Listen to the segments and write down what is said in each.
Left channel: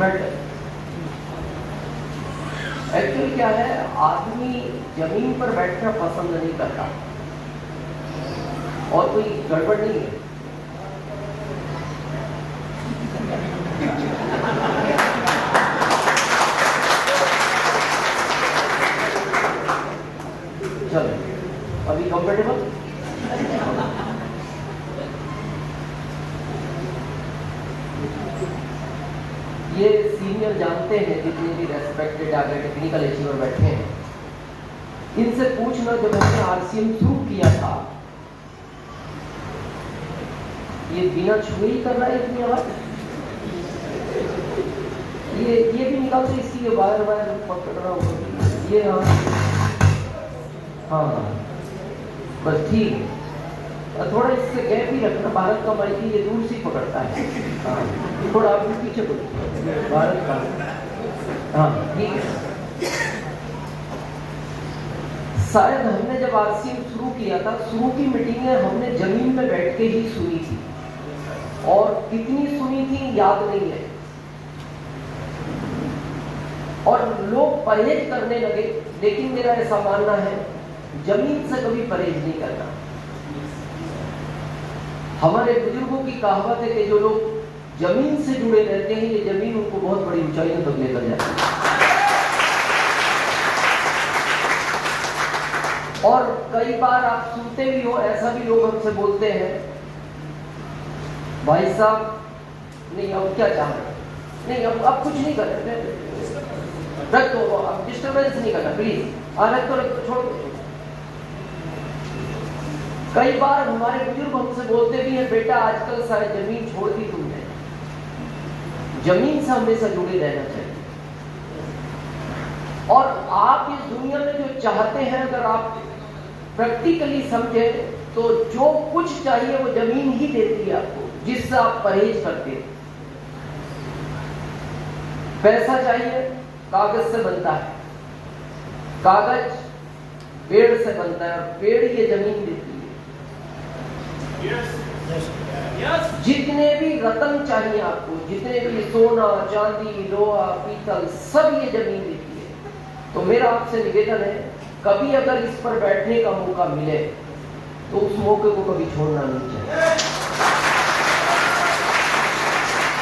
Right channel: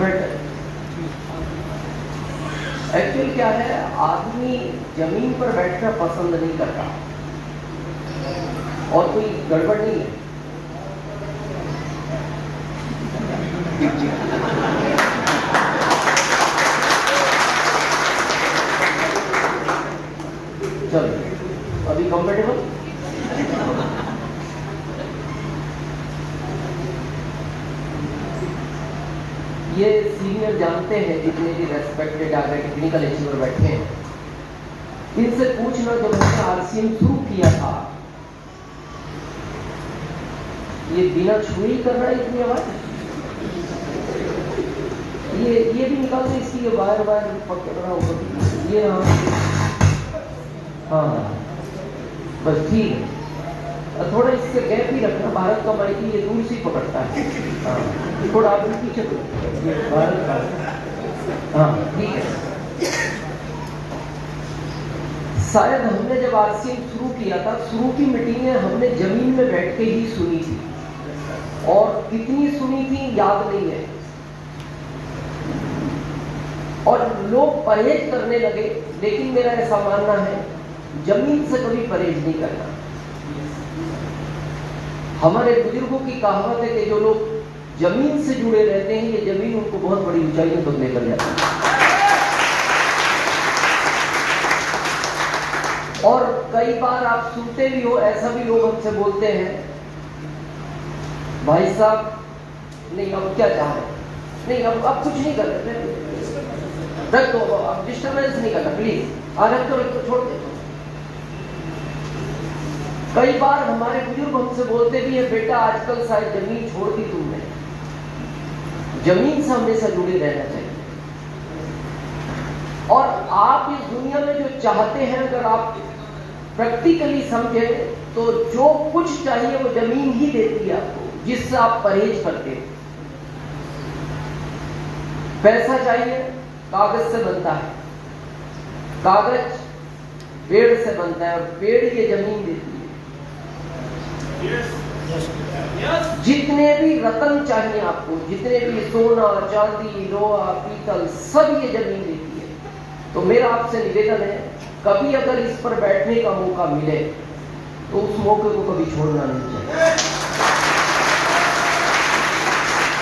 Better. Actually क्या है, आदमी जमीन पर बैठना पसंद नहीं करता, और कोई गड़बड़ नहीं है। चलो अभी कंफर्टेबल। ये सीनियर जानते हैं, जितने भी रेस्पेक्टेड आगे टेक्निकल अचीवर बैठे हैं, इनसे पूछना, जब हमने आरसीएम शुरू किया था, ये बिना छुए ही कर रहा है इतनी आवाज। ये भी निकाल के इसकी वायर पकड़ना होगा ये। हाँ बस ठीक है, थोड़ा इससे गैप ही रखना। भारत का माइक ये दूर से पकड़ता है। हाँ थोड़ा आप पीछे भारत का। हाँ ठीक है। शायद हमने जब आरसीएम शुरू किया था, शुरू की मीटिंगें हमने जमीन में बैठ के ही सुनी थी, और कितनी सुनी थी याद नहीं है। और लोग परहेज करने लगे, लेकिन मेरा ऐसा मानना है जमीन से कभी परहेज नहीं करना। हमारे बुजुर्गों की कहावत है कि जो लोग जमीन से जुड़े रहते हैं, ये जमीन उनको बहुत बड़ी ऊंचाइयों तक लेकर जाती है। और कई बार आप सुनते भी हो, ऐसा भी लोग हमसे बोलते हैं, भाई साहब नहीं अब क्या चाह रहे, नहीं अब कुछ नहीं कर रहे, रख दो, अब डिस्टर्बेंस नहीं करना प्लीज, रख तो छोड़ दो। कई बार हमारे बुजुर्ग हमसे बोलते भी हैं, बेटा आजकल शायद जमीन छोड़ दी तुमने, जमीन से हमेशा जुड़े रहना चाहिए। और आप इस दुनिया में जो चाहते हैं, अगर आप प्रैक्टिकली समझे, तो जो कुछ चाहिए वो जमीन ही देती है आपको, जिससे आप परहेज करते हैं। पैसा चाहिए, कागज से बनता है, कागज पेड़ से बनता है, और पेड़ ये जमीन देती है। जितने भी रत्न चाहिए आपको, जितने भी सोना, चांदी, लोहा, पीतल, सब ये जमीन देती है। तो मेरा आपसे निवेदन है, कभी अगर इस पर बैठने का मौका मिले तो उस मौके को कभी छोड़ना नहीं चाहिए,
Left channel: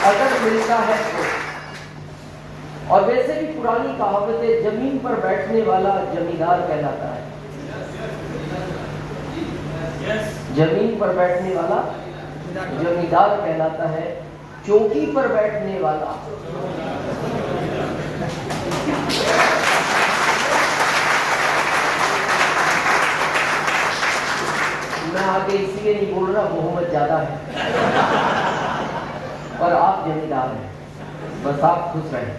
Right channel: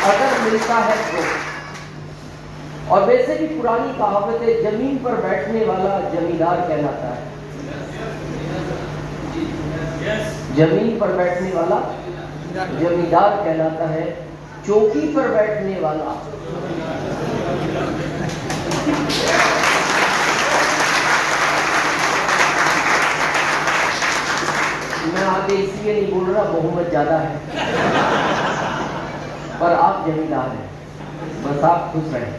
अगर मिलता है तो। और वैसे भी पुरानी कहावत है, जमीन पर बैठने वाला जमींदार कहलाता है। जमीन पर बैठने वाला जमींदार कहलाता है, चौकी पर बैठने वाला मैं आगे इसलिए नहीं बोल रहा, बहुमत ज्यादा है, पर आप जमींदार हैं, बस आप खुश रहें।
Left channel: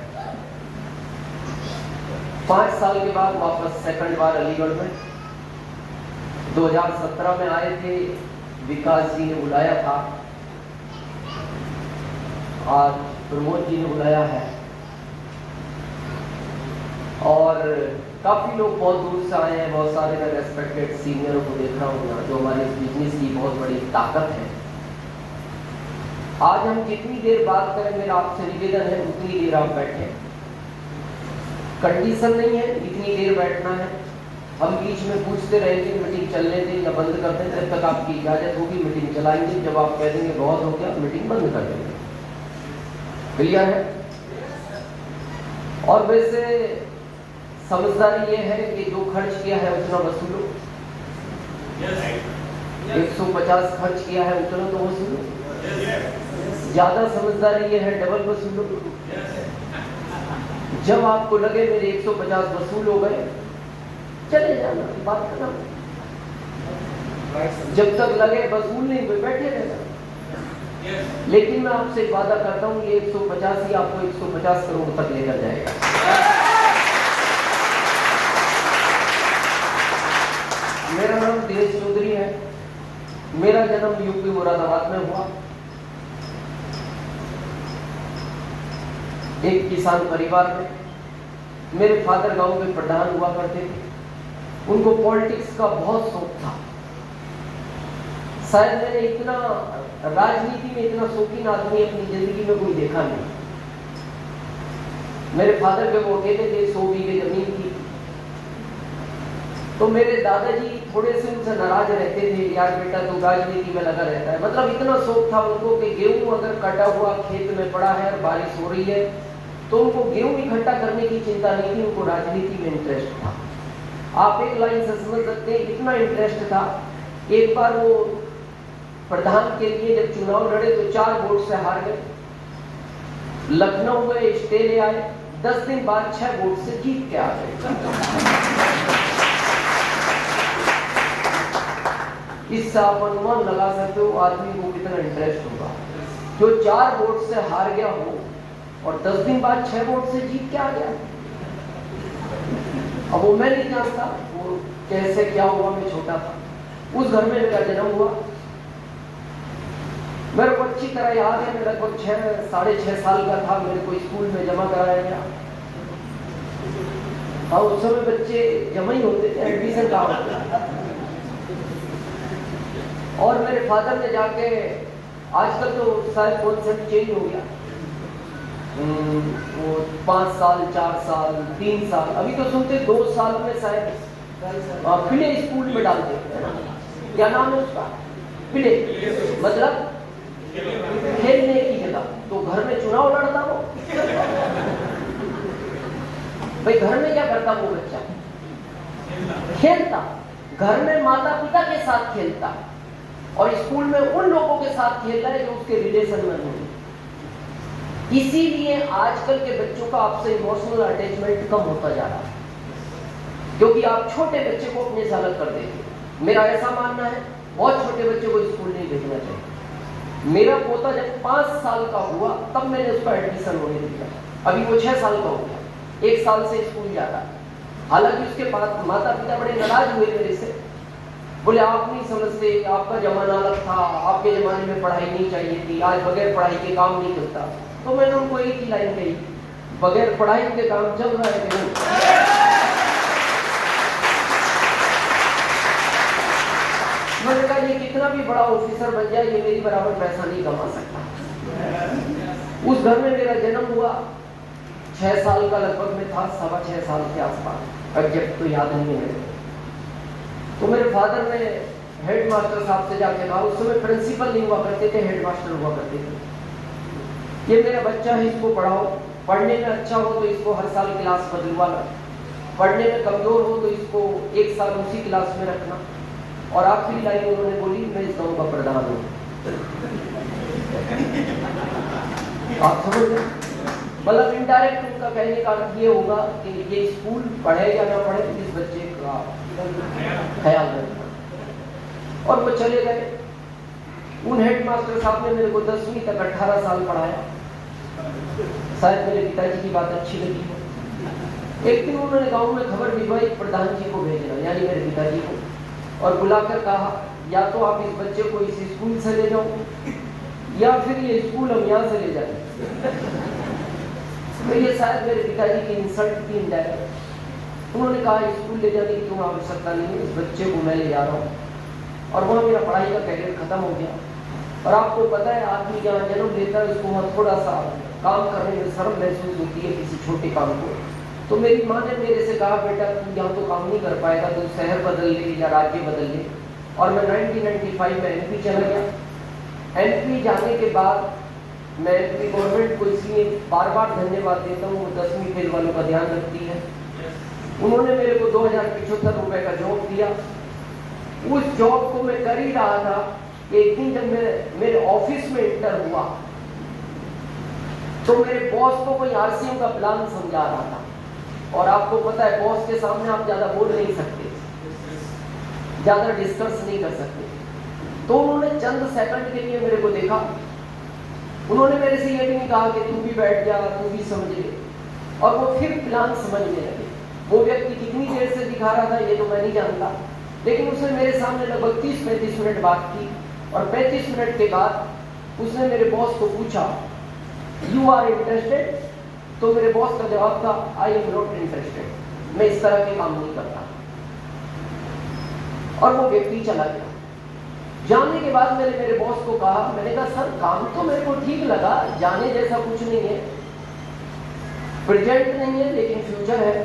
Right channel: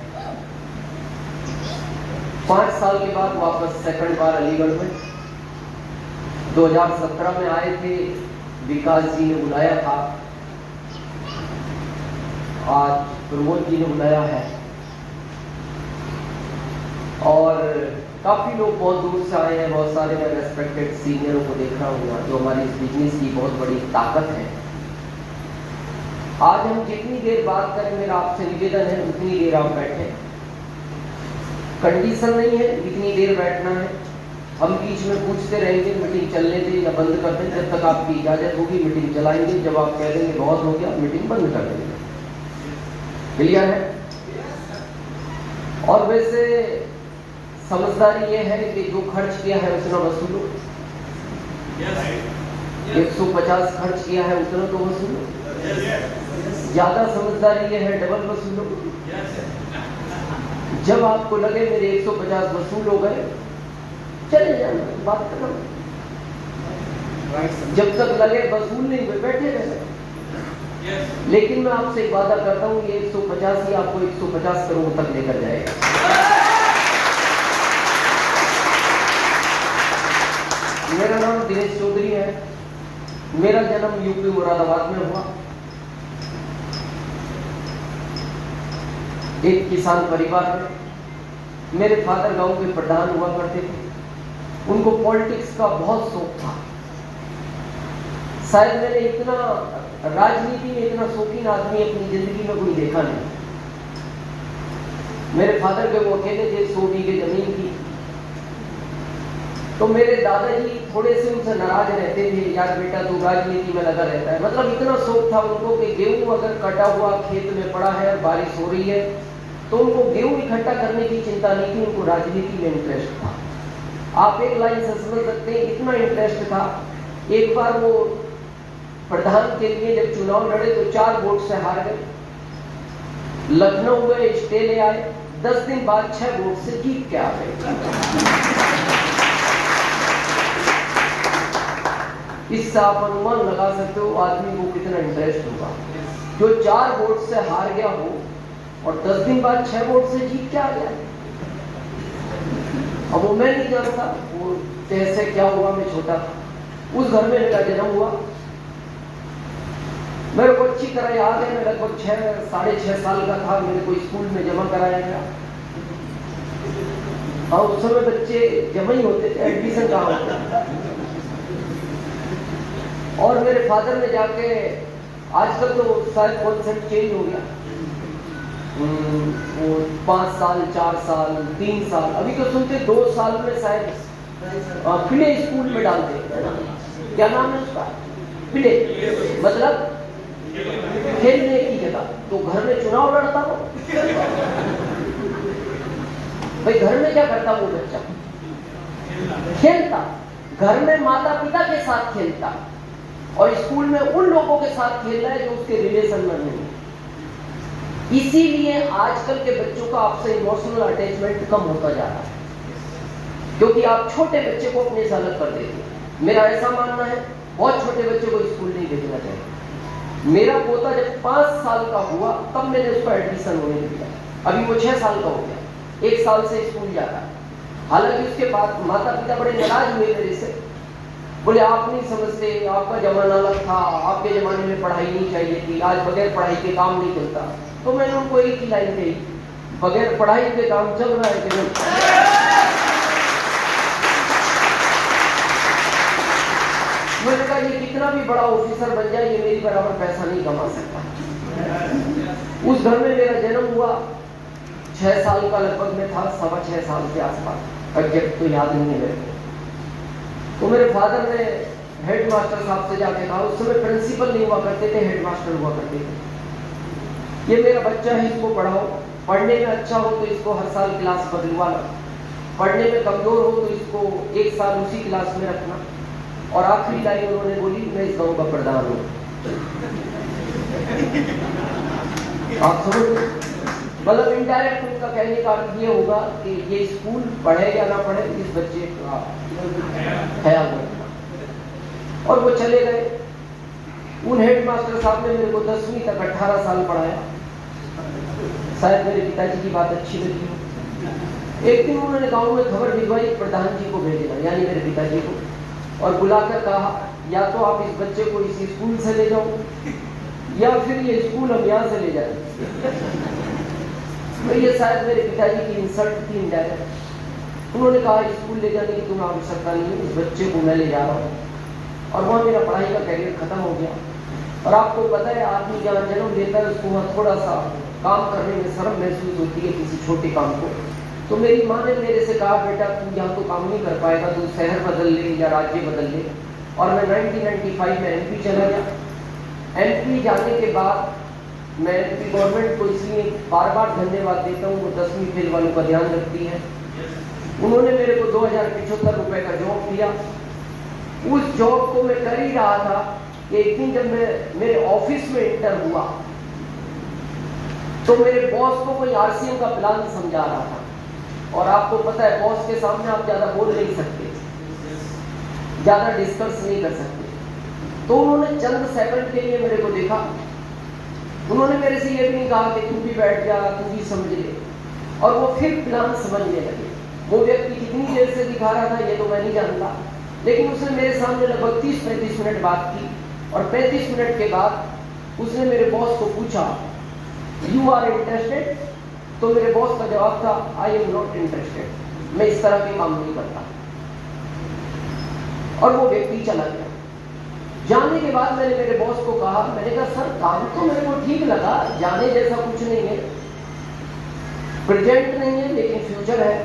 5 साल के बाद वापस सेकंड बार अलीगढ़ में 2017 में आए थे, विकास जी ने बुलाया था, आज प्रमोद जी ने बुलाया है, और काफी लोग बहुत दूर से आए हैं। बहुत सारे मैं रेस्पेक्टेड सीनियरों को देख रहा हूँ, जो हमारे इस बिजनेस की बहुत बड़ी ताकत है। आज हम जितनी देर बात करें, मेरा आपसे निवेदन है उतनी देर आप बैठे। कंडीशन नहीं है जितनी देर बैठना है, हम बीच में पूछते रहेंगे, मीटिंग चलने दें या बंद कर दें, जब तक आपकी इजाजत होगी मीटिंग चलाएंगे, जब आप कह देंगे बहुत हो गया मीटिंग बंद कर देंगे। क्लियर है? और वैसे समझदारी ये है कि जो खर्च किया है उतना वसूलो, 150 खर्च किया है उतना तो वसूलो। ज्यादा समझदारी ये है डबल वसूलो। जब आपको लगे मेरे 150 वसूल हो गए, चले जाना, बात करना। जब तक लगे वसूल नहीं में बैठे रहना। लेकिन मैं आपसे एक वादा करता हूँ, ये 150 ही आपको 150 करोड़ तक लेकर जाएगा। मेरा नाम दिनेश चौधरी है, मेरा जन्म यूपी मुरादाबाद में हुआ। एक किसान परिवार में, मेरे फादर गांव के प्रधान हुआ करते थे, उनको पॉलिटिक्स का बहुत शौक था। शायद मैंने इतना राजनीति में इतना शौकीन आदमी अपनी जिंदगी में कोई देखा नहीं। मेरे फादर के वो अकेले थे, 100 बीघे जमीन थी। तो मेरे दादाजी थोड़े से उनसे नाराज रहते थे, यार बेटा तू राजनीति में लगा रहता है। मतलब इतना शौक था उनको कि गेहूं अगर कटा हुआ खेत में पड़ा है और बारिश हो रही है तो उनको गेहूं इकट्ठा करने की चिंता नहीं थी, उनको राजनीति में इंटरेस्ट था। आप एक लाइन से समझ सकते हैं, इतना इंटरेस्ट था। एक बार वो प्रधान के लिए जब चुनाव लड़े तो 4 वोट से हार गए। लखनऊ में स्टे ले आए, 10 दिन बाद 6 वोट से जीत के आ गए। इससे आप अनुमान लगा सकते हो आदमी को कितना इंटरेस्ट होगा। जो 4 वोट से हार गया हो और 10 दिन बाद 6 वोट से जीत के आ गया। अब वो मैं नहीं जानता वो कैसे क्या हुआ, मैं छोटा था। उस घर में मेरा जन्म हुआ। मेरे को अच्छी तरह याद है, मैं लगभग 6-6.5 साल का था। मेरे को स्कूल में जमा कराया गया। और उस समय बच्चे जमा ही होते थे, एडमिशन कहाँ होता। और मेरे फादर ने जाके, आजकल तो शायद कॉन्सेप्ट चेंज हो गया, वो 5 साल 4 साल 3 साल, अभी तो सुनते 2 साल में शायद प्ले स्कूल में डालते हैं। क्या नाम है उसका? प्ले, मतलब खेलने की जगह। तो घर में चुनाव लड़ता हो भाई, घर में क्या करता वो बच्चा? खेलता। घर में माता पिता के साथ खेलता और स्कूल में उन लोगों के साथ खेल रहा है जो उसके रिलेशन में नहीं। इसीलिए आजकल के बच्चों का आपसे इमोशनल अटैचमेंट कम होता जा रहा है, क्योंकि आप छोटे बच्चे को अपने से अलग कर देते हैं। मेरा ऐसा मानना है, बहुत छोटे बच्चे को स्कूल नहीं भेजना चाहिए। मेरा पोता जब 5 साल का हुआ तब मैंने उसका एडमिशन होने दिया। अभी वो 6 साल का हो गया, 1 साल से स्कूल जाता है। हालांकि उसके बाद माता पिता बड़े नाराज हुए मेरे से, बोले आप नहीं समझते, आपका जमाना अलग था, आपके जमाने में पढ़ाई नहीं चाहिए थी, आज बगैर पढ़ाई के काम नहीं चलता। तो मैंने उनको एक ही लाइन कही, बगैर पढ़ाई के काम चल रहा है कि नहीं? मैंने कहा ये कितना भी बड़ा ऑफिसर बन जाए, ये मेरी बराबर पैसा नहीं कमा सकता। उस घर में मेरा जन्म हुआ, 6 साल का लगभग मैं था, 6.25 साल के आसपास, एग्जैक्ट तो याद नहीं है। तो मेरे फादर ने हेड मास्टर साहब से जाके कहा, उस समय प्रिंसिपल नहीं हुआ करते थे, हेड मास्टर हुआ करते थे, ये मेरा बच्चा है, इसको पढ़ाओ, पढ़ने में अच्छा हो तो इसको हर साल क्लास बदलवा लो, पढ़ने में कमजोर हो तो इसको 1 साल उसी क्लास में रखना। और आखिरी लाइन उन्होंने बोली, मैं इस गांव का प्रधान हूं। आप समझ गए? मतलब इनडायरेक्ट उनका कहने का अर्थ ये होगा कि ये स्कूल पढ़े या ना पढ़े, इस बच्चे का ख्याल रखना। और वो चले गए। उन हेड मास्टर साहब ने मेरे को 10वीं तक 18 साल पढ़ाया। शायद मेरे पिताजी की बात अच्छी लगी हो। एक दिन उन्होंने गांव में खबर भिजवाई, प्रधान जी को भेजना, यानी मेरे पिताजी को, और बुलाकर कहा, या तो आप इस बच्चे को इस स्कूल से ले जाओ या फिर ये स्कूल हम यहाँ से ले जाए। तो ये शायद मेरे पिताजी की इंसल्ट थी इनडायरेक्ट। उन्होंने कहा स्कूल ले जाने की तुम्हें आवश्यकता नहीं है, इस बच्चे को मैं ले जा रहा हूँ। और वहाँ मेरा पढ़ाई का कैरियर खत्म हो गया। और आपको पता है, आदमी जहाँ जन्म लेता है उसको वहाँ थोड़ा सा काम करने में शर्म महसूस होती है, किसी छोटे काम को। तो मेरी माँ ने मेरे से कहा, बेटा तू यहाँ तो काम नहीं कर पाएगा, तू शहर बदल ले या राज्य बदल ले। और मैं 1995 में MP चला गया। MP जाने के बाद मैं MP गवर्नमेंट को इसलिए बार बार धन्यवाद देता हूँ, वो 10वीं फेल वालों का ध्यान रखती है। उन्होंने मेरे को 2075 रुपए का जॉब दिया। उस जॉब को मैं कर ही रहा था, एक दिन जब मैं मेरे ऑफिस में इंटर हुआ तो मेरे बॉस को कोई RCM का प्लान समझा रहा था। और आपको पता है, बॉस के सामने आप ज्यादा बोल नहीं सकते, ज्यादा डिस्कस नहीं कर सकते। तो उन्होंने चंद सेकंड के लिए मेरे को देखा। उन्होंने मेरे से ये भी नहीं कहा कि तू भी बैठ जा, तू भी समझ ले। और वो फिर प्लान समझने लगे। वो व्यक्ति कितनी देर से दिखा रहा था ये तो मैं नहीं जानता, लेकिन उसने मेरे सामने लगभग 30-35 मिनट बात की। और 35 मिनट के बाद उसने मेरे बॉस को पूछा, यू आर इंटरेस्टेड? तो मेरे बॉस का जवाब था, आई एम नॉट इंटरेस्टेड, मैं इस तरह के काम नहीं करता। और वो व्यक्ति चला गया। जाने के बाद मैंने मेरे बॉस को कहा, मैंने कहा सर काम तो मेरे को ठीक लगा, जाने जैसा कुछ नहीं है, प्रेजेंट नहीं है लेकिन फ्यूचर है।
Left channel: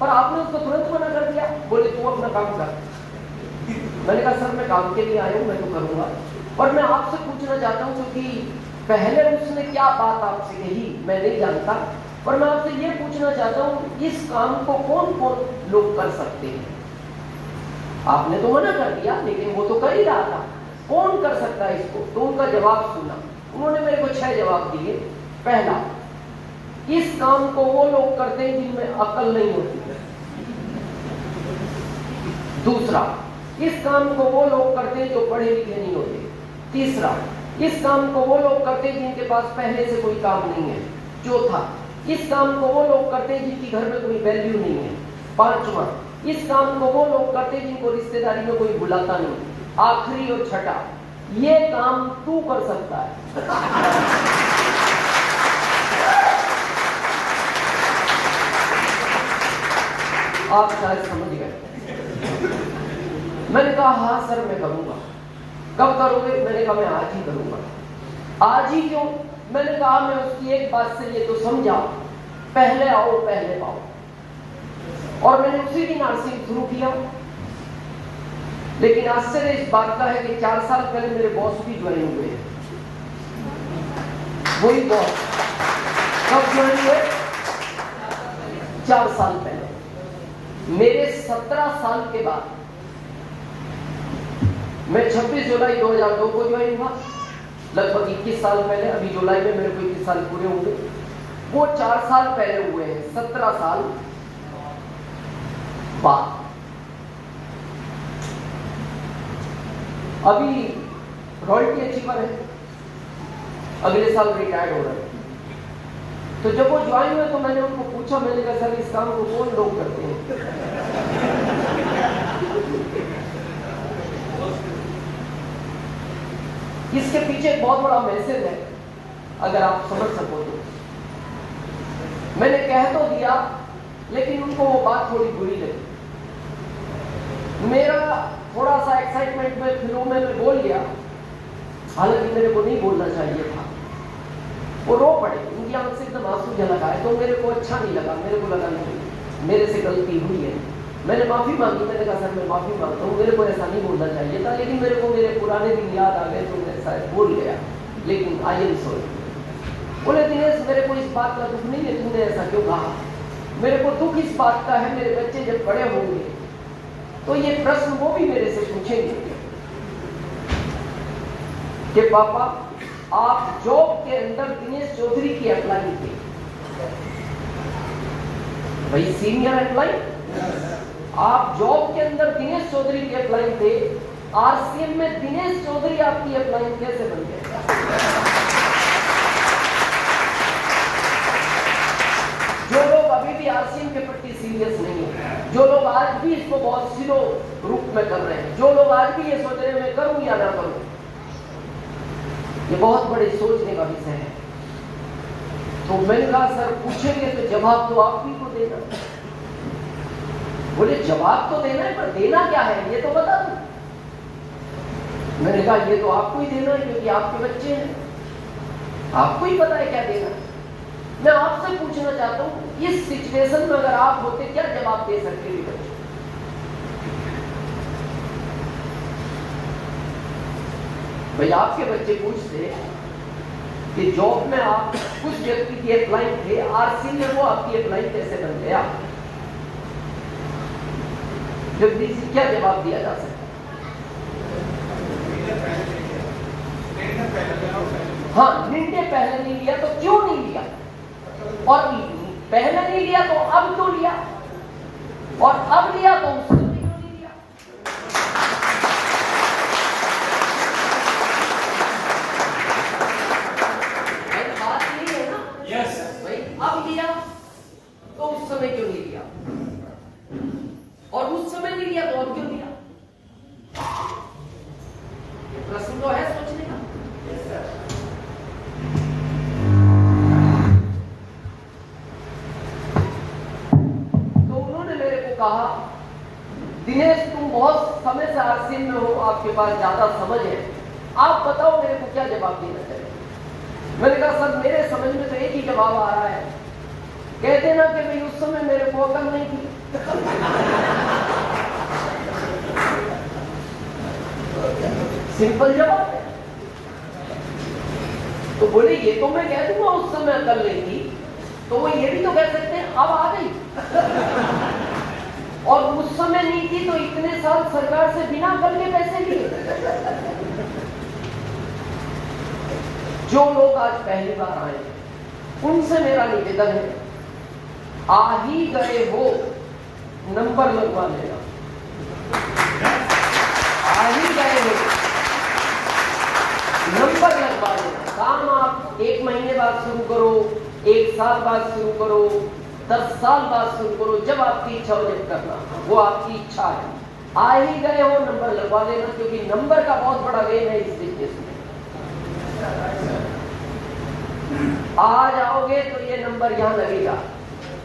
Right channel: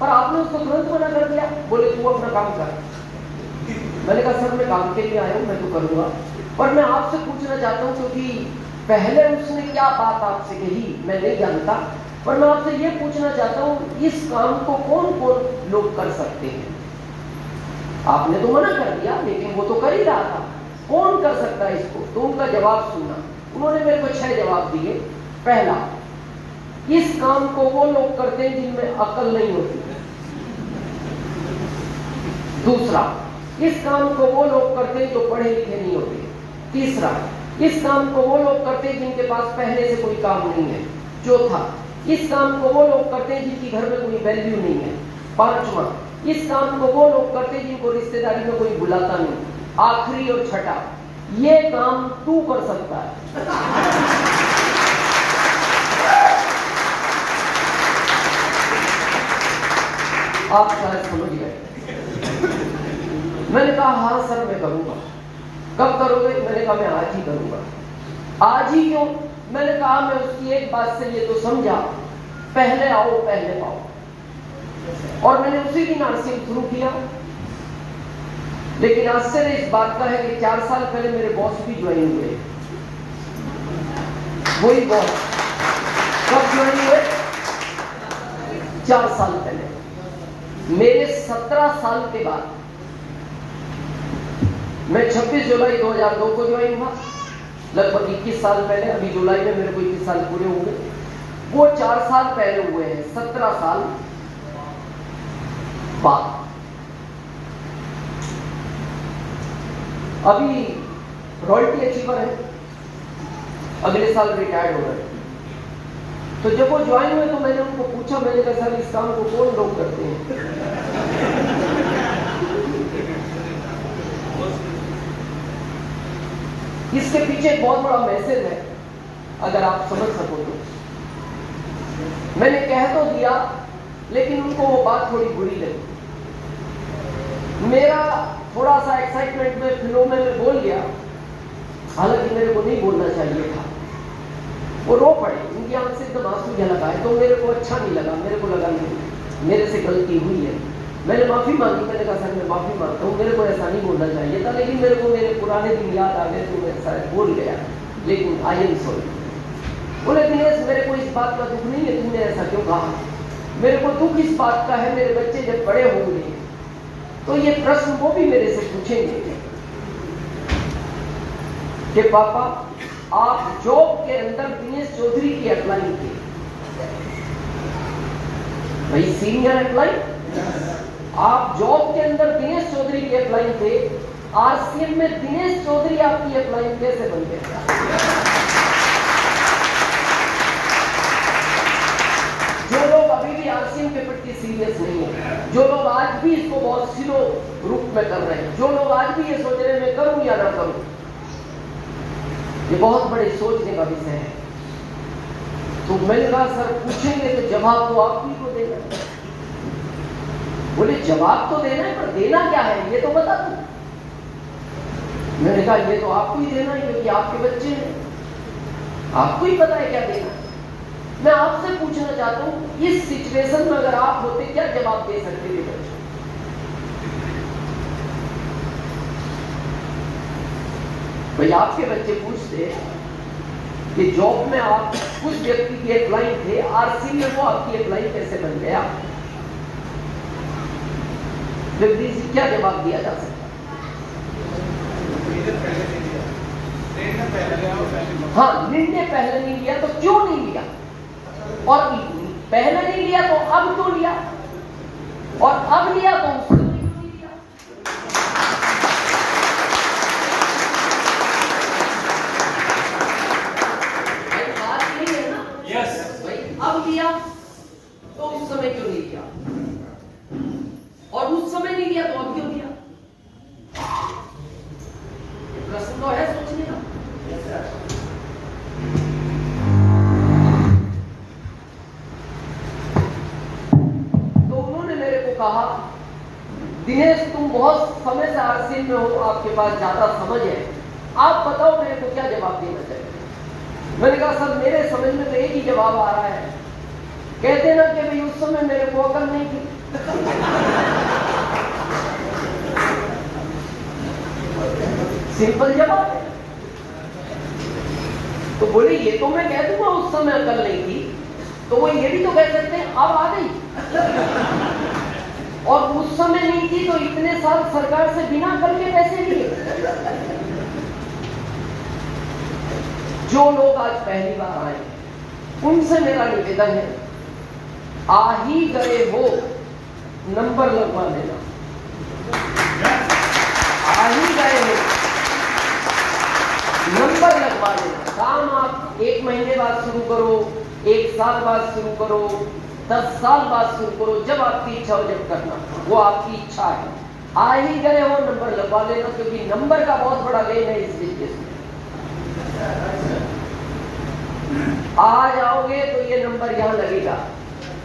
पर आपने उसको तुरंत मना कर दिया, बोले तू अपना काम कर। मैंने कहा सर मैं काम के लिए आया हूँ, मैं तो करूँगा, पर मैं आपसे पूछना चाहता हूँ क्योंकि पहले उसने क्या बात आपसे कही मैं नहीं जानता, पर मैं आपसे ये पूछना चाहता हूँ इस काम को कौन कौन लोग कर सकते हैं? आपने तो मना कर दिया लेकिन वो तो कर ही रहा था, कौन कर सकता है इसको? तो उनका जवाब सुना। उन्होंने मेरे को 6 जवाब दिए। पहला, इस काम को वो लोग करते हैं जिनमें अकल नहीं होती। दूसरा, इस काम को वो लोग करते हैं जो पढ़े लिखे नहीं होते। तीसरा, इस काम को वो लोग करते हैं जिनके पास पहले से कोई काम नहीं है। चौथा, इस काम को वो लोग करते हैं जिनकी घर में कोई वैल्यू नहीं है। पांचवा, इस काम को वो लोग करते हैं जिनको रिश्तेदारी में कोई बुलाता नहीं। आखिरी और छठा, ये काम तू कर सकता है। आप शायद समझ गए। मैंने कहा हाँ सर मैं करूंगा। कब करोगे? मैंने कहा मैं आज ही करूंगा। आज ही क्यों? मैंने कहा मैं उसकी एक बात से ये तो समझा, पहले आओ पहले पाओ। और मैंने उसी दिन नर्सिंग शुरू किया। लेकिन आश्चर्य इस बात का है कि 4 साल पहले मेरे बॉस भी ज्वाइन हुए। वही बॉस कब ज्वाइन हुए? 4 साल पहले। मेरे 17 साल के बाद मैं 26 जुलाई 2002 को ज्वाइन हुआ, लगभग 21 साल पहले। अभी जुलाई में मेरे को 21 साल पूरे हुए। वो 4 साल पहले हुए हैं, 17 साल बाद। अभी रॉयल्टी अचीवर है, अगले साल रिटायर्ड हो गए। तो जब वो ज्वाइन हुए तो मैंने उनको पूछा, मैंने कहा सर इस काम को कौन लोग करते हैं? इसके पीछे एक बहुत बड़ा मैसेज है, अगर आप समझ सको तो। मैंने कह तो दिया लेकिन उनको वो बात थोड़ी बुरी लगी। मेरा थोड़ा सा एक्साइटमेंट में फ्लो में मैं बोल गया, हालांकि मेरे को नहीं बोलना चाहिए था। वो रो पड़े, उनकी आंख से एकदम आंसू झलक आए। तो मेरे को अच्छा नहीं लगा, मेरे को लगा नहीं मेरे से गलती हुई है। मैंने माफी मांगी। मैंने कहा सर मैं माफी मांगता हूँ, मेरे को ऐसा नहीं बोलना चाहिए था, लेकिन मेरे को मेरे पुराने दिन याद आ गए तो मैं शायद बोल गया, लेकिन आई एम सॉरी। बोले दिनेश मेरे को इस बात का दुख नहीं है, तुमने ऐसा क्यों कहा? मेरे को दुख इस बात का है, मेरे बच्चे जब बड़े होंगे तो ये प्रश्न वो भी मेरे से पूछेंगे कि पापा आप जॉब के अंदर दिनेश चौधरी की अप्लाई थे, भाई सीनियर अप्लाई, आप जॉब के अंदर दिनेश चौधरी की अप्लाई थे, आरसीएम में दिनेश चौधरी आपकी अप्लाई कैसे बन गए? जो लोग अभी भी आरसीएम के प्रति सीरियस नहीं है, जो लोग आज भी इसको बहुत सीरो रूप में कर रहे हैं, जो लोग आज भी ये सोच रहे हैं मैं करूं या ना करूं, ये बहुत बड़े सोचने का विषय है। तो मैंने कहा सर पूछेंगे तो जवाब तो आप ही को देना। बोले जवाब तो देना है, पर देना क्या है ये तो बता दो। मैंने कहा ये तो आपको ही देना है क्योंकि आपके बच्चे हैं, आपको ही पता है क्या देना है। मैं आपसे पूछना चाहता हूं इस सिचुएशन में अगर आप होते क्या जवाब दे सकते थे बच्चों? भाई आपके बच्चे पूछते कि जॉब में आप कुछ व्यक्ति की अप्लाई थे, आरसी में वो आपकी अप्लाई कैसे बन गया? व्यक्ति से क्या जवाब दिया जा सकता? हाँ, निर्णय पहले नहीं लिया तो क्यों नहीं लिया, और पहले नहीं लिया तो अब क्यों लिया, और अब लिया तो उस समय क्यों नहीं लिया? बात यही है ना? यस भाई, अब लिया तो उस समय क्यों नहीं लिया, और उस समय नहीं लिया तो अब क्यों लिया? प्रश्न तो है सोचने का। तो उन्होंने मेरे को कहा दिनेश तुम बहुत समय से आरसीएम में हो, आपके पास ज्यादा समझ है, आप बताओ मेरे को क्या जवाब देना चाहिए। मैंने कहा सर मेरे समझ में तो एक ही जवाब आ रहा है कहते ना कि भाई उस समय मेरे को अकल नहीं थी। सिंपल जवाब है। तो बोले ये तो मैं कह दूंगा उस समय अकल नहीं थी, तो वो ये भी तो कह सकते हैं अब आ गई। और उस समय नहीं थी तो इतने साल सरकार से बिना अकल के पैसे लिए। जो लोग आज पहली बार आए उनसे मेरा निवेदन है, आ ही गए हो नंबर लगवा लेना। आ ही गए हो नंबर लगवा लेना। काम आप 1 महीने बाद शुरू करो, 1 साल बाद शुरू करो, 10 साल बाद शुरू करो, जब आपकी इच्छा हो जब करना, वो आपकी इच्छा है। आ ही गए हो नंबर लगवा लेना, क्योंकि नंबर का बहुत बड़ा गेम है इस बिजनेस में। आ जाओगे तो ये नंबर यहां लगेगा,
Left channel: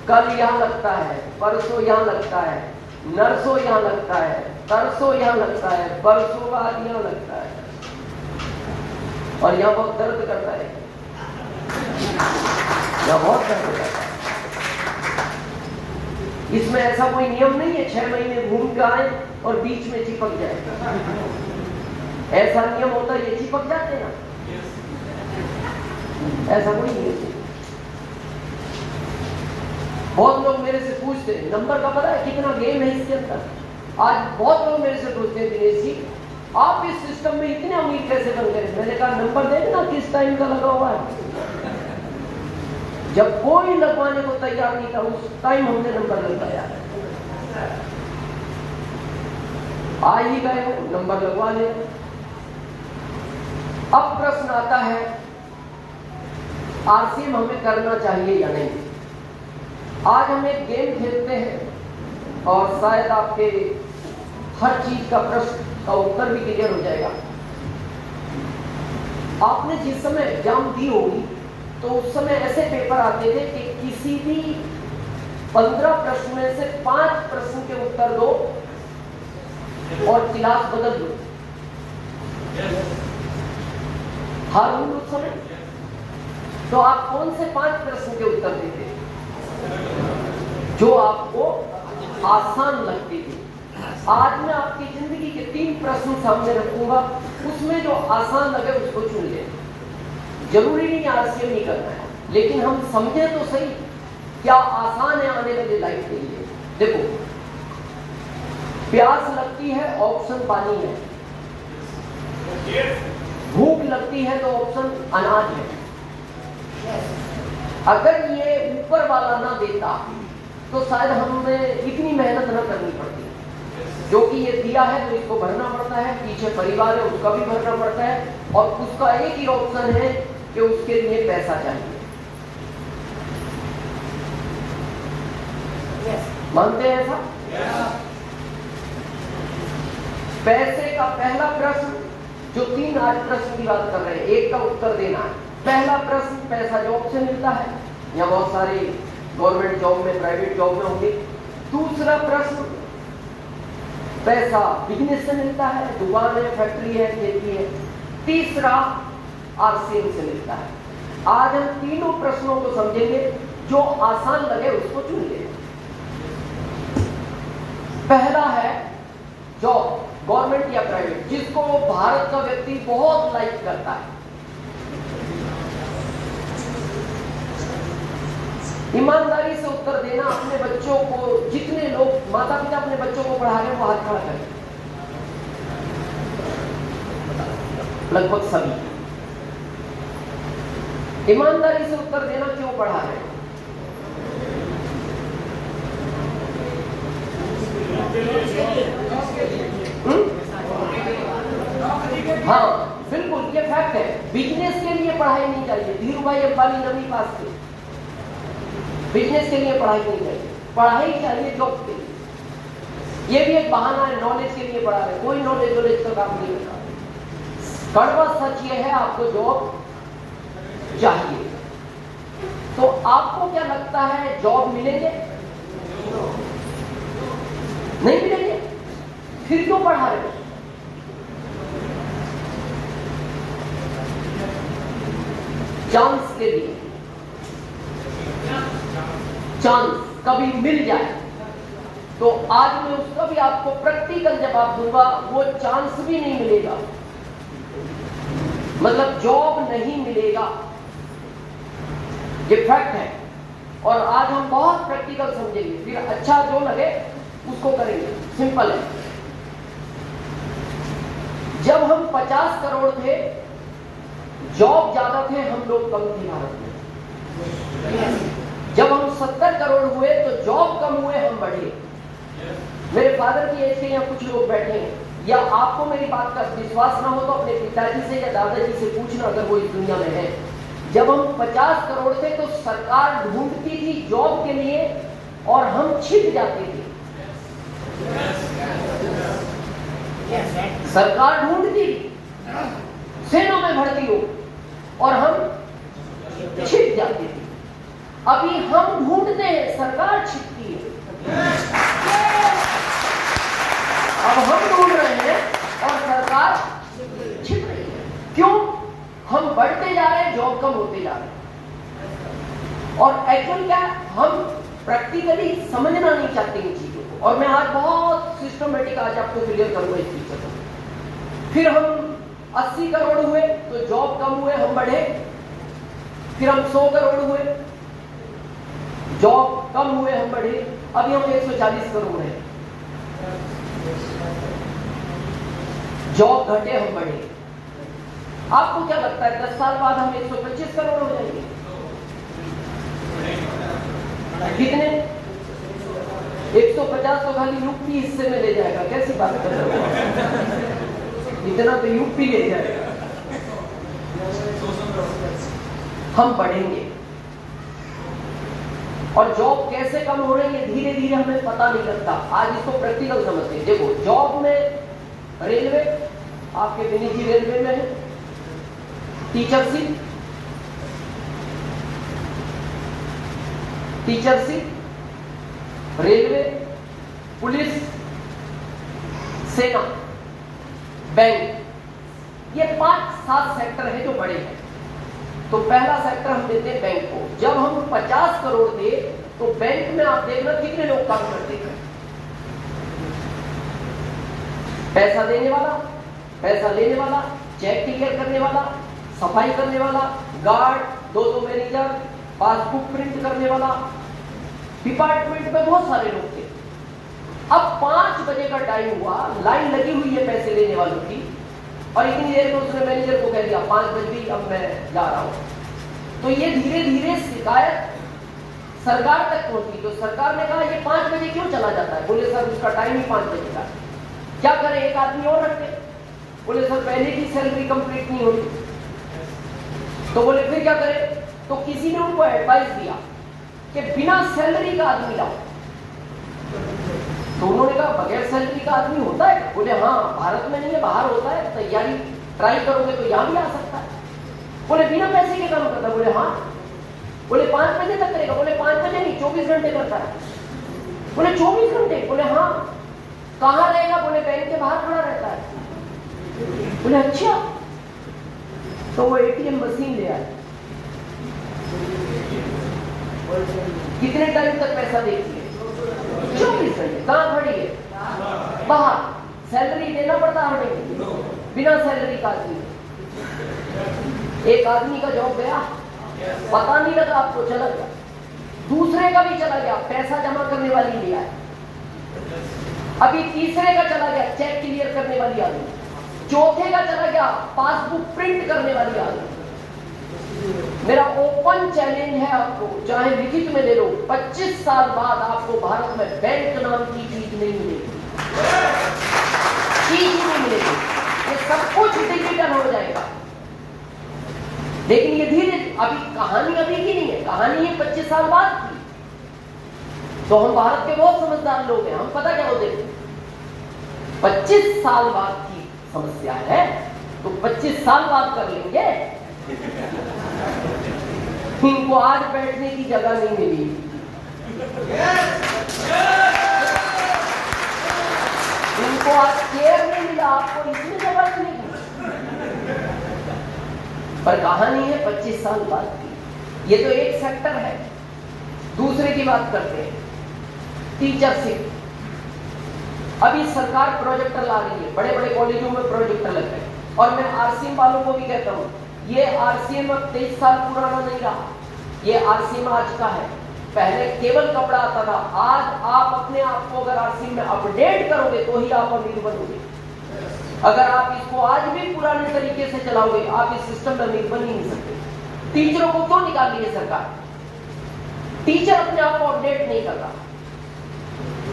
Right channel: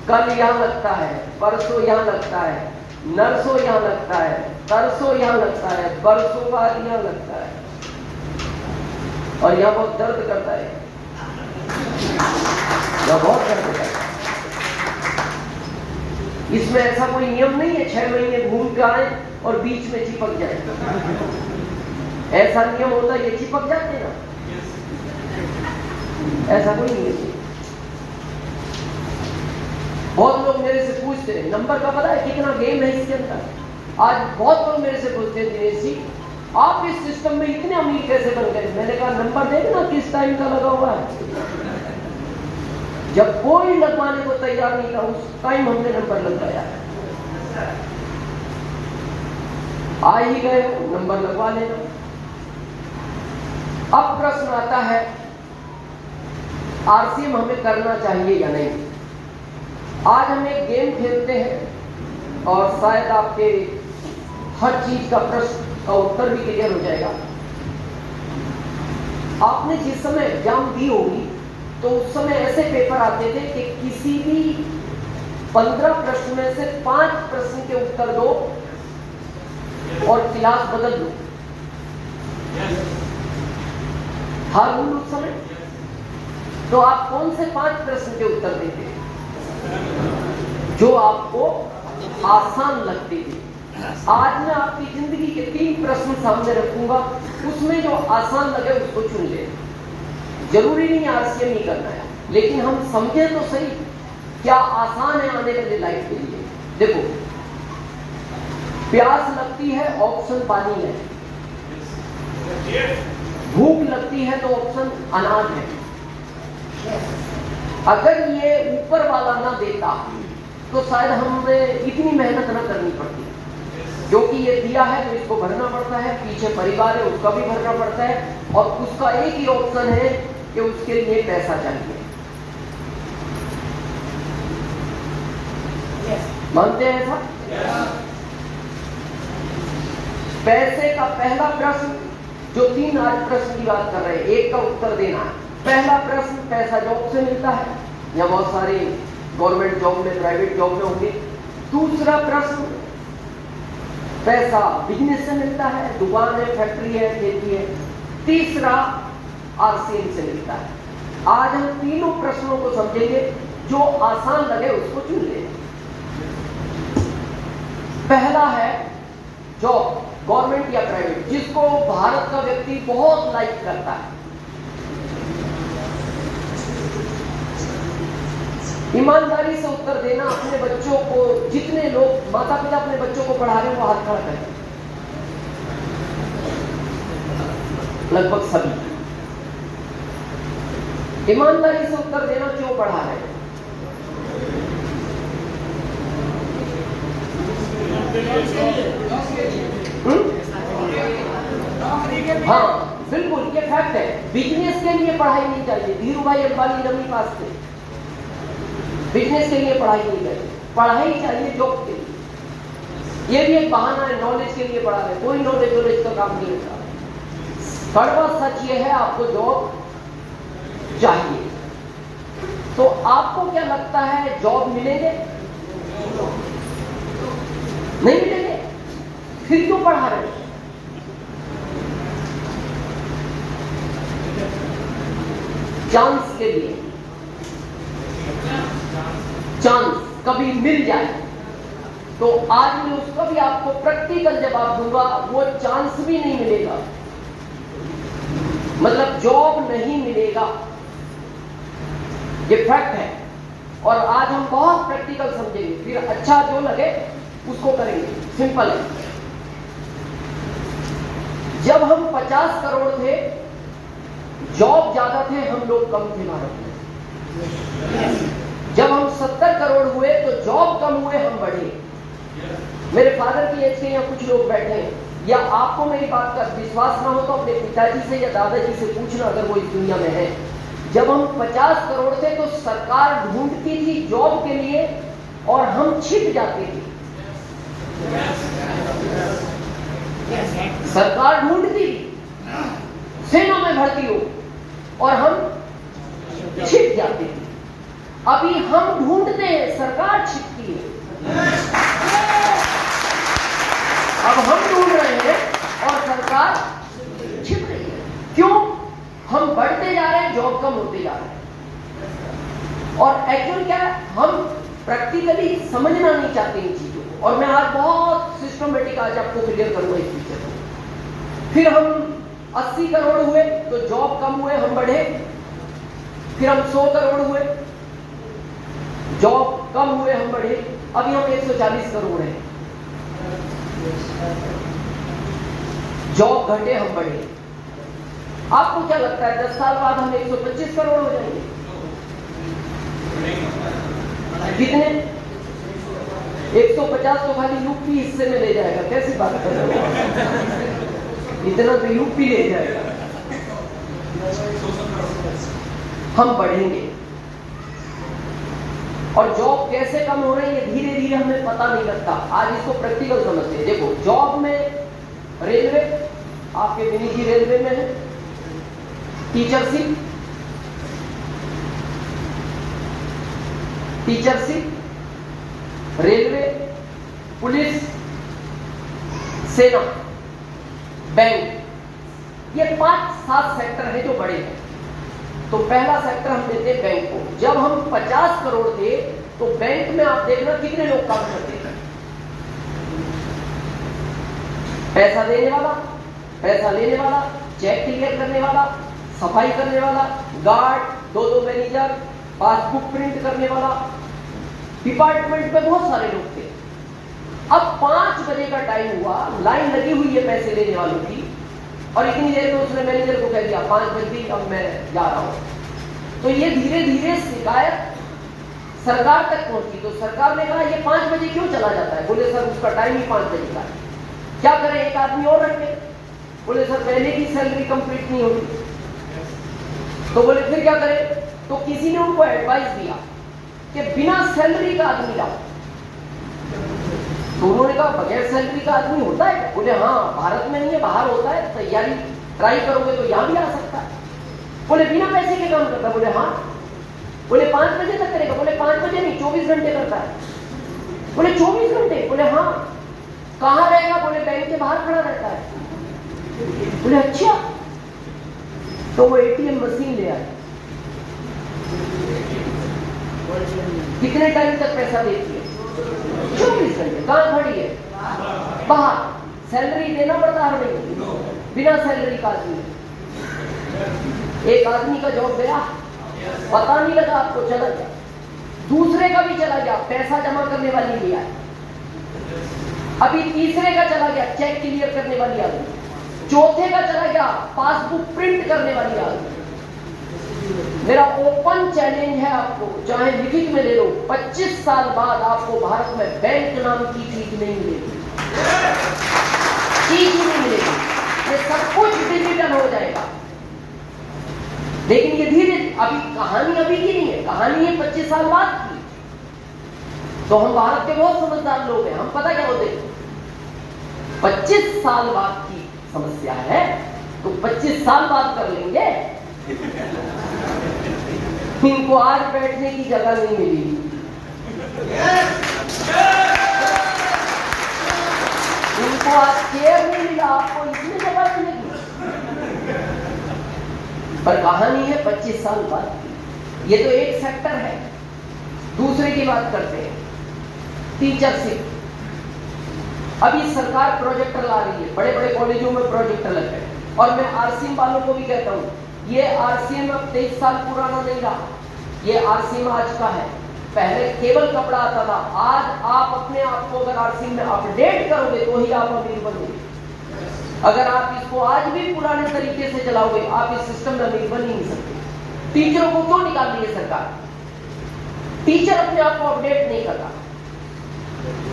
कल यहां लगता है, परसों यहां लगता है, नरसों यहां लगता है, तरसों यहां लगता है, बरसों बाद यहां लगता है, और यहां बहुत दर्द करता है, यहां बहुत दर्द करता है। इसमें ऐसा कोई नियम नहीं है 6 महीने घूम कर आए और बीच में चिपक जाए। ऐसा नियम होता है ये चिपक जाते हैं, ऐसा कोई नहीं है। बहुत लोग मेरे से पूछते हैं नंबर का पता है कितना गेम है इसके अंदर। आज बहुत लोग मेरे से पूछते हैं दिनेश जी आप इस सिस्टम में इतने अमीर कैसे बन गए। मैंने कहा नंबर देखना किस टाइम का लगा हुआ है। जब कोई लगवाने को तैयार नहीं था उस टाइम हमने नंबर लगवाया। आ ही गए नंबर लगवा लेना। अब प्रश्न आता है आरसीएम हमें करना चाहिए या नहीं। आज हम एक गेम खेलते हैं और शायद आपके हर चीज का प्रश्न का उत्तर भी क्लियर हो जाएगा। आपने जिस समय एग्जाम दी होगी तो उस समय ऐसे पेपर आते थे कि किसी भी 15 प्रश्न में से 5 प्रश्न के उत्तर दो और क्लास बदल दो। हर रूल उस समय। तो आप कौन से 5 प्रश्न के उत्तर देते जो आपको आसान लगते थे। आज मैं आपकी जिंदगी के 3 प्रश्न सामने रखूंगा, उसमें जो आसान लगे उसको चुन ले। जरूरी नहीं आरसीएम नहीं करना है, लेकिन हम समझे तो सही क्या आसान है आने वाली लाइफ के लिए। देखो प्यास लगती है ऑप्शन पानी है, भूख लगती है तो ऑप्शन अनाज है। अगर ये ऊपर वाला ना देता तो शायद हमें इतनी मेहनत न करनी पड़ती। जो कि ये दिया है तो इसको भरना पड़ता है, पीछे परिवार है उसका भी भरना पड़ता है, और उसका एक ही ऑप्शन है कि उसके लिए पैसा चाहिए। मानते हैं ऐसा? पैसे का पहला प्रश्न जो 3 आज प्रश्न की बात कर रहे हैं, एक का उत्तर देना है। पहला प्रश्न पैसा जॉब से मिलता है, या बहुत सारे गवर्नमेंट जॉब में प्राइवेट जॉब में होंगे। दूसरा प्रश्न पैसा बिजनेस से मिलता है, दुकान है, फैक्ट्री है, खेती है। तीसरा आरसीएम से मिलता है। आज हम तीनों प्रश्नों को समझेंगे, जो आसान लगे उसको चुन ले। पहला है जॉब, गवर्नमेंट या प्राइवेट, जिसको भारत का व्यक्ति बहुत लाइक करता है। ईमानदारी से उत्तर देना। अपने बच्चों को, जितने लोग माता पिता अपने बच्चों को पढ़ा रहे हैं वो हाथ खड़ा करें, लगभग सभी। ईमानदारी से उत्तर देना क्यों पढ़ा रहे हैं। हाँ बिल्कुल, ये फैक्ट है। बिजनेस के लिए पढ़ाई नहीं चाहिए। धीरू भाई अंबानी नवी पास थे, बिजनेस के लिए पढ़ाई नहीं चाहिए। पढ़ाई चाहिए जॉब के लिए। ये भी एक बहाना है, नॉलेज के लिए पढ़ा रहे। कोई नॉलेज का काम नहीं होता। कड़वा सच ये है, आपको जॉब चाहिए। तो आपको क्या लगता है जॉब मिलेंगे? नहीं मिलेंगे, फिर क्यों पढ़ा रहे? चांस के लिए। चांस कभी मिल जाए तो आज मैं उसका भी आपको प्रैक्टिकल जवाब दूंगा, वो चांस भी नहीं मिलेगा, मतलब जॉब नहीं मिलेगा, ये फैक्ट है। और आज हम बहुत प्रैक्टिकल समझेंगे, फिर अच्छा जो लगे उसको करेंगे, सिंपल है। जब हम 50 करोड़ थे, जॉब ज्यादा थे, हम लोग कम थे भारत में। जब हम 70 करोड़ हुए तो जॉब कम हुए, हम बढ़े। मेरे फादर की एज के यहाँ कुछ लोग बैठे हैं, या आपको मेरी बात का विश्वास ना हो तो अपने पिताजी से या दादाजी से पूछना अगर वो इस दुनिया में है। जब हम 50 करोड़ थे तो सरकार ढूंढती थी जॉब के लिए और हम छिप जाते थे। सरकार ढूंढती सेना में भर्ती हो और हम छिप जाते थे। अभी हम ढूंढते हैं, सरकार छिपती है। अब हम ढूंढ रहे हैं और सरकार छिप रही है। क्यों? हम बढ़ते जा रहे हैं, जॉब कम होते जा रहे हैं। और एक्चुअल क्या, हम प्रैक्टिकली समझना नहीं चाहते इन चीजों को। और मैं आज बहुत सिस्टमेटिक आज आपको क्लियर करूंगा इस पिक्चर को। फिर हम 80 करोड़ हुए तो जॉब कम हुए, हम बढ़े। फिर हम 100 करोड़ हुए, जॉब कम हुए, हम बढ़े। अभी हम 140 करोड़ हैं, जॉब घटे, हम बढ़े। आपको क्या लगता है 10 साल बाद हम 125 करोड़ हो जाएंगे? कितने? 150 तो खाली यूपी हिस्से में ले जाएगा। कैसी बात कर रहे हो? इतना तो यूपी ले जाएगा। हम बढ़ेंगे। और जॉब कैसे कम हो रही है धीरे धीरे हमें पता नहीं लगता। आज इसको प्रैक्टिकल समझते हैं। देखो, जॉब में रेलवे, आपके विनी जी रेलवे में है, टीचरशिप, रेलवे, पुलिस, सेना, बैंक, ये 5-7 सेक्टर है जो बड़े हैं। तो पहला सेक्टर हम देते हैं बैंक को। जब हम 50 करोड़ थे तो बैंक में आप देखना कितने लोग काम करते थे? पैसा देने वाला, पैसा लेने वाला, चेक क्लियर करने वाला, सफाई करने वाला, गार्ड, 2 मैनेजर, पासबुक प्रिंट करने वाला, डिपार्टमेंट में बहुत सारे लोग थे। अब 5 बजे का टाइम हुआ, लाइन लगी हुई है पैसे लेने वालों की, और इतनी देर में उसने मैनेजर को कह दिया 5 बज गई, अब मैं जा रहा हूं। तो ये धीरे धीरे शिकायत सरकार तक पहुंची। तो सरकार ने कहा ये 5 बजे क्यों चला जाता है? बोले सर उसका टाइम ही 5 बजे का है। क्या करें, एक आदमी और रखे? बोले सर पहले की सैलरी कंप्लीट नहीं होती। तो बोले फिर क्या करें? तो किसी ने उनको एडवाइस दिया कि बिना सैलरी का आदमी लाओ। तो उन्होंने कहा बगैर सैलरी का आदमी होता है? बोले हाँ, भारत में नहीं है, बाहर होता है, तैयारी ट्राई करोगे तो यहां भी आ सकता है। बोले बिना पैसे के काम करता? बोले हाँ। बोले 5 बजे तक करेगा? बोले 5 बजे नहीं, 24 घंटे करता है। बोले 24 घंटे? बोले हाँ। कहां रहेगा? बोले बैंक के बाहर खड़ा रहता है। बोले अच्छा। तो वो एटीएम मशीन ले आए। कितने टाइम तक पैसा देती है? 24 घंटे। कहां खड़ी है? बाहर। सैलरी देना पड़ता हर महीने, बिना सैलरी का आदमी। एक आदमी का जॉब गया, पता नहीं लगा, आपको चला गया। दूसरे का भी चला गया, पैसा जमा करने वाली भी आई। अभी तीसरे का चला गया, चेक क्लियर करने वाली आदमी। चौथे का चला गया, पासबुक प्रिंट करने वाली आदमी। मेरा ओपन चैलेंज है आपको, चाहे लिखित में ले लो, 25 साल बाद आपको भारत में बैंक नाम की चीज नहीं मिलेगी। चीज नहीं मिलेगी, ये सब कुछ डिजिटल हो जाएगा। लेकिन ये धीरे, अभी कहानी अभी की नहीं है, कहानी है 25 साल बाद की। तो हम भारत के बहुत समझदार लोग हैं, हम पता क्या होते हैं, 25 साल बाद की समस्या है तो 25 साल बाद कर लेंगे। इनको आज बैठने की जगह नहीं मिली। इनको आज चेयर नहीं मिला, आपको इसमें जगह मिलेगी। पर कहानी है 25 साल बाद की। ये तो एक सेक्टर है। दूसरे की बात करते हैं, टीचरशिप। अभी सरकार प्रोजेक्टर ला रही है, बड़े बड़े कॉलेजों में प्रोजेक्टर लग रहे हैं, और मैं आरसीएम वालों को भी कहता हूँ, ये आरसीएम अब 23 साल पुराना नहीं रहा, ये आरसीएम आज का है। पहले केवल कपड़ा आता था, आज आप अपने आप को अगर आरसीएम में अपडेट करोगे तो ही आप अमीर बनोगे। अगर आप इसको आज भी पुराने तरीके से चलाओगे, आप इस सिस्टम में अमीर बन ही नहीं सकते। टीचरों को क्यों निकाल रही है सरकार? टीचर अपने आप को अपडेट नहीं करता।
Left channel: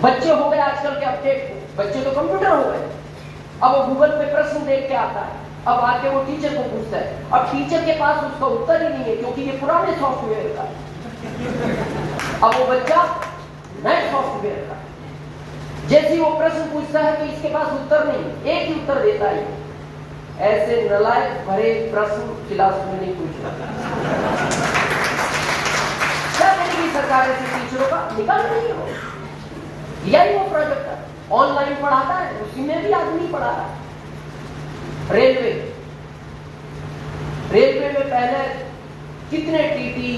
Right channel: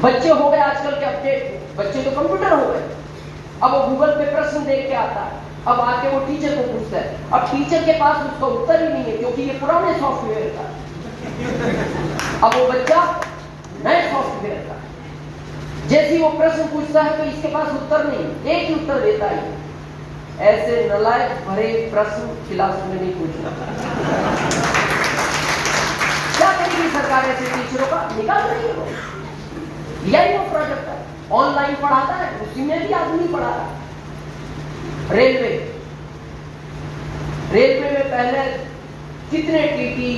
बच्चे हो गए आजकल के अपडेट, बच्चे तो कंप्यूटर हो गए, अब वो गूगल पे प्रश्न देख के आता है, अब आके वो टीचर को पूछता है, अब टीचर के पास उसका उत्तर ही नहीं है, क्योंकि ये पुराने सॉफ्टवेयर का है। अब वो बच्चा नए सॉफ्टवेयर का है, जैसे ही वो प्रश्न पूछता है तो इसके पास उत्तर नहीं, एक ही उत्तर देता है। ऐसे नालायक भरे प्रश्न क्लास में नहीं पूछना। क्या करेगी सरकार ऐसे टीचरों का? निकाल रही है। यही वो प्रोजेक्ट है, ऑनलाइन पढ़ाता है, उसी में भी आदमी पढ़ा रहा है। रेलवे में पहले कितने टीटी,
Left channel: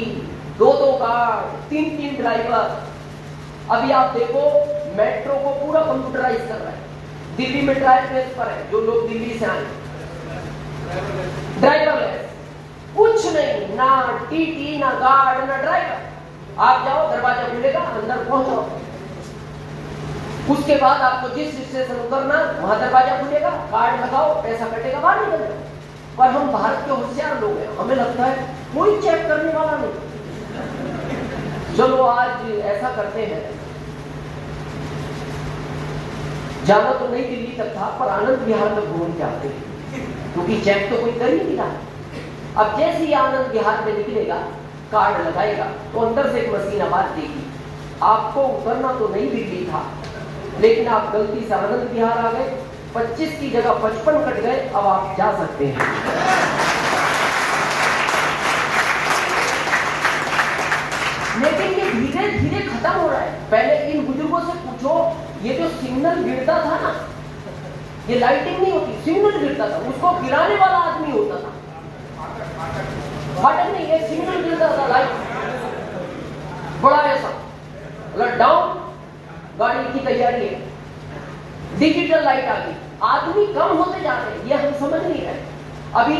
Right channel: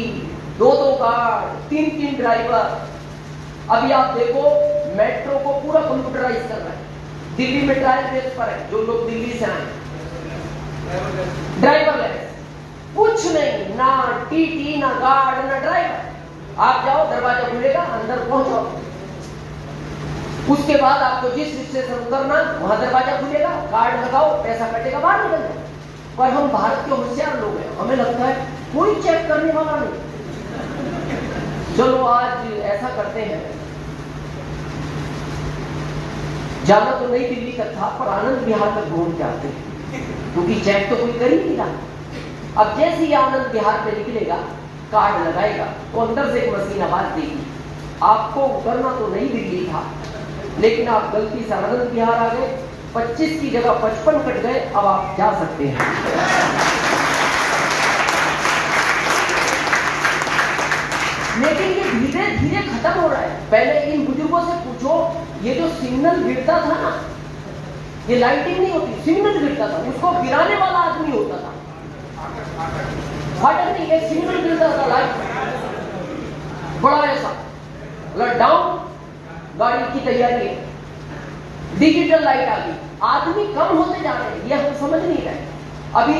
2-2 गार्ड, 3-3 ड्राइवर। अभी आप देखो मेट्रो को पूरा कंप्यूटराइज कर रहा है। दिल्ली में ट्रायल बेस पर है, जो लोग दिल्ली से आए ड्राइवरलेस, कुछ नहीं, ना टीटी, ना गार्ड, ना ड्राइवर। आप जाओ, दरवाजा खुलेगा, अंदर पहुंचो, उसके बाद आपको जिस स्टेशन उतरना वहां दरवाजा खुलेगा, कार्ड लगाओ, पैसा कटेगा, बाहर निकल जाओ। पर हम भारत के होशियार लोग हैं, हमें लगता है कोई चेक करने वाला नहीं। चलो आज ऐसा करते हैं, जाना तो नई दिल्ली तक था, पर आनंद विहार में घूम के आते हैं, क्योंकि चेक तो कोई कर ही नहीं रहा। अब जैसे ही आनंद विहार में निकलेगा, कार्ड लगाएगा, तो अंदर से एक मशीन आवाज देगी, आपको उतरना तो नई दिल्ली था, लेकिन आप गलती से आनंद विहार आ गए, 25 की जगह 55 कट गए, अब आप जा सकते हैं। लेकिन ये धीरे धीरे खत्म हो रहा है। पहले इन बुजुर्गों से पूछो, ये जो सिग्नल गिरता था ना, ये लाइटिंग नहीं होती, सिग्नल गिरता था, उसको गिराने वाला आदमी होता था। फाटक नहीं, ये सिग्नल गिरता था, लाइट बड़ा ऐसा डाउन, गाड़ी की तैयारी है, डिजिटल लाइट आ गई, आदमी कम होते जा रहे हैं, ये हम समझ नहीं रहे। अभी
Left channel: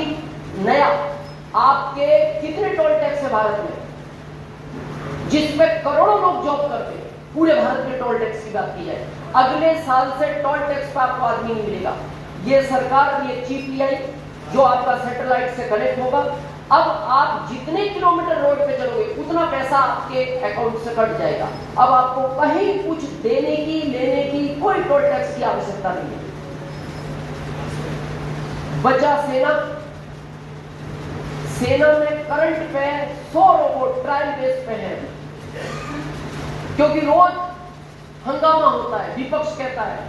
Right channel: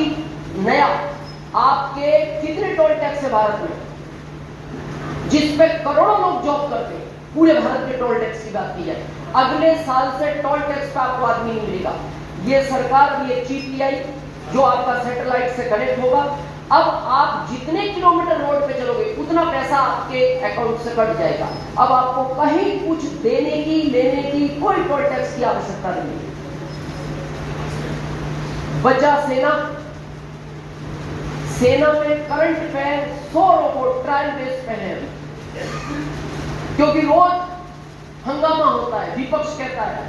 नया आपके कितने टोल टैक्स है भारत में, जिस पे करोड़ों लोग जॉब करते हैं, पूरे भारत के टोल टैक्स की बात की जाए, अगले साल से टोल टैक्स का आपको आदमी नहीं मिलेगा। ये सरकार, ये GPI जो आपका सैटेलाइट से कनेक्ट होगा, अब आप जितने किलोमीटर रोड पे चलोगे उतना पैसा आपके अकाउंट से कट जाएगा। अब आपको कहीं कुछ देने की, लेने की, कोई टोल टैक्स की आवश्यकता नहीं है। बचा सेना में करंट पे 100 रोबोट ट्रायल बेस पे है, क्योंकि रोज हंगामा होता है, विपक्ष कहता है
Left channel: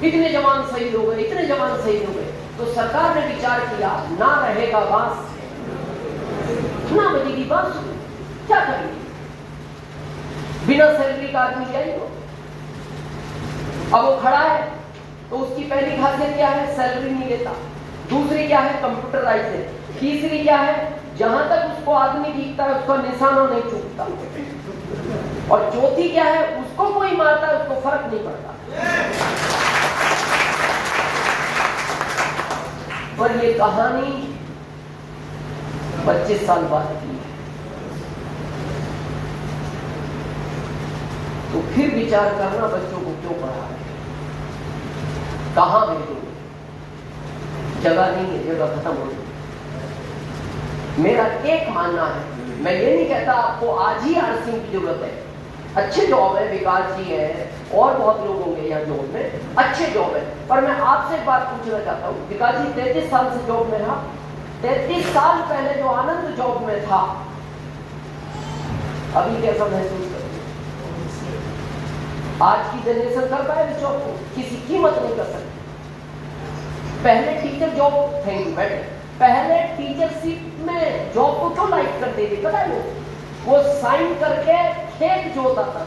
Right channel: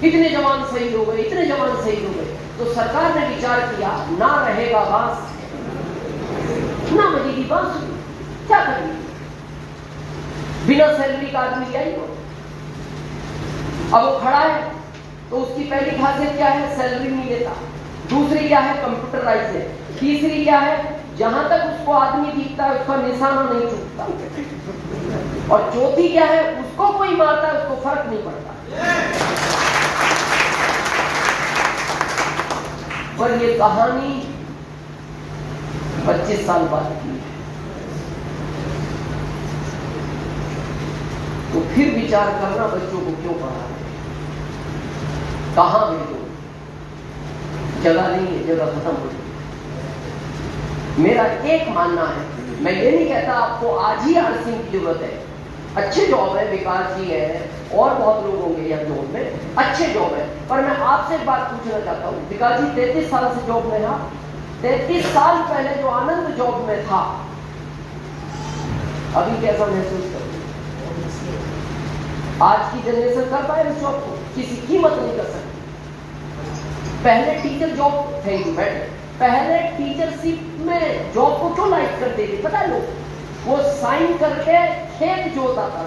कितने जवान शहीद हो गए, इतने जवान शहीद हो गए। तो सरकार ने विचार किया, ना रहेगा बांस, ना बजेगी बांस, क्या करेंगे? बिना सैलरी का आदमी क्या ही हो। अब वो खड़ा है तो उसकी पहली खासियत क्या है? सैलरी नहीं लेता। दूसरी क्या है? कंप्यूटराइज है। तीसरी क्या है? जहां तक उसको आदमी दिखता है उसका निशाना नहीं चूकता। और चौथी क्या है? उसको कोई मारता है उसको फर्क नहीं पड़ता। पर ये कहानी 25 साल बाद की है। तो फिर विचार करना, बच्चों को क्यों पढ़ा है, कहां भेजो, जगह नहीं है, जगह खत्म हो गई। मेरा एक मानना है, मैं ये नहीं कहता आपको आज ही आरसीएम की जरूरत है, अच्छे जॉब है, विकास जी है और बहुत लोग होंगे यहाँ जॉब में, अच्छे जॉब है। पर मैं आपसे एक बात पूछना चाहता हूँ, विकास जी 33 साल से जॉब में है, 33 साल पहले जो आनंद जॉब में था, अभी कैसा महसूस कर? आज की जनरेशन कर पाए इस जॉब को? किसी कीमत नहीं कर सकती। पहले teacher job, thank you madam, पहले टीचरशिप में जॉब को क्यों लाइक करते थे पता है? वो साइन करके खेत जोता था।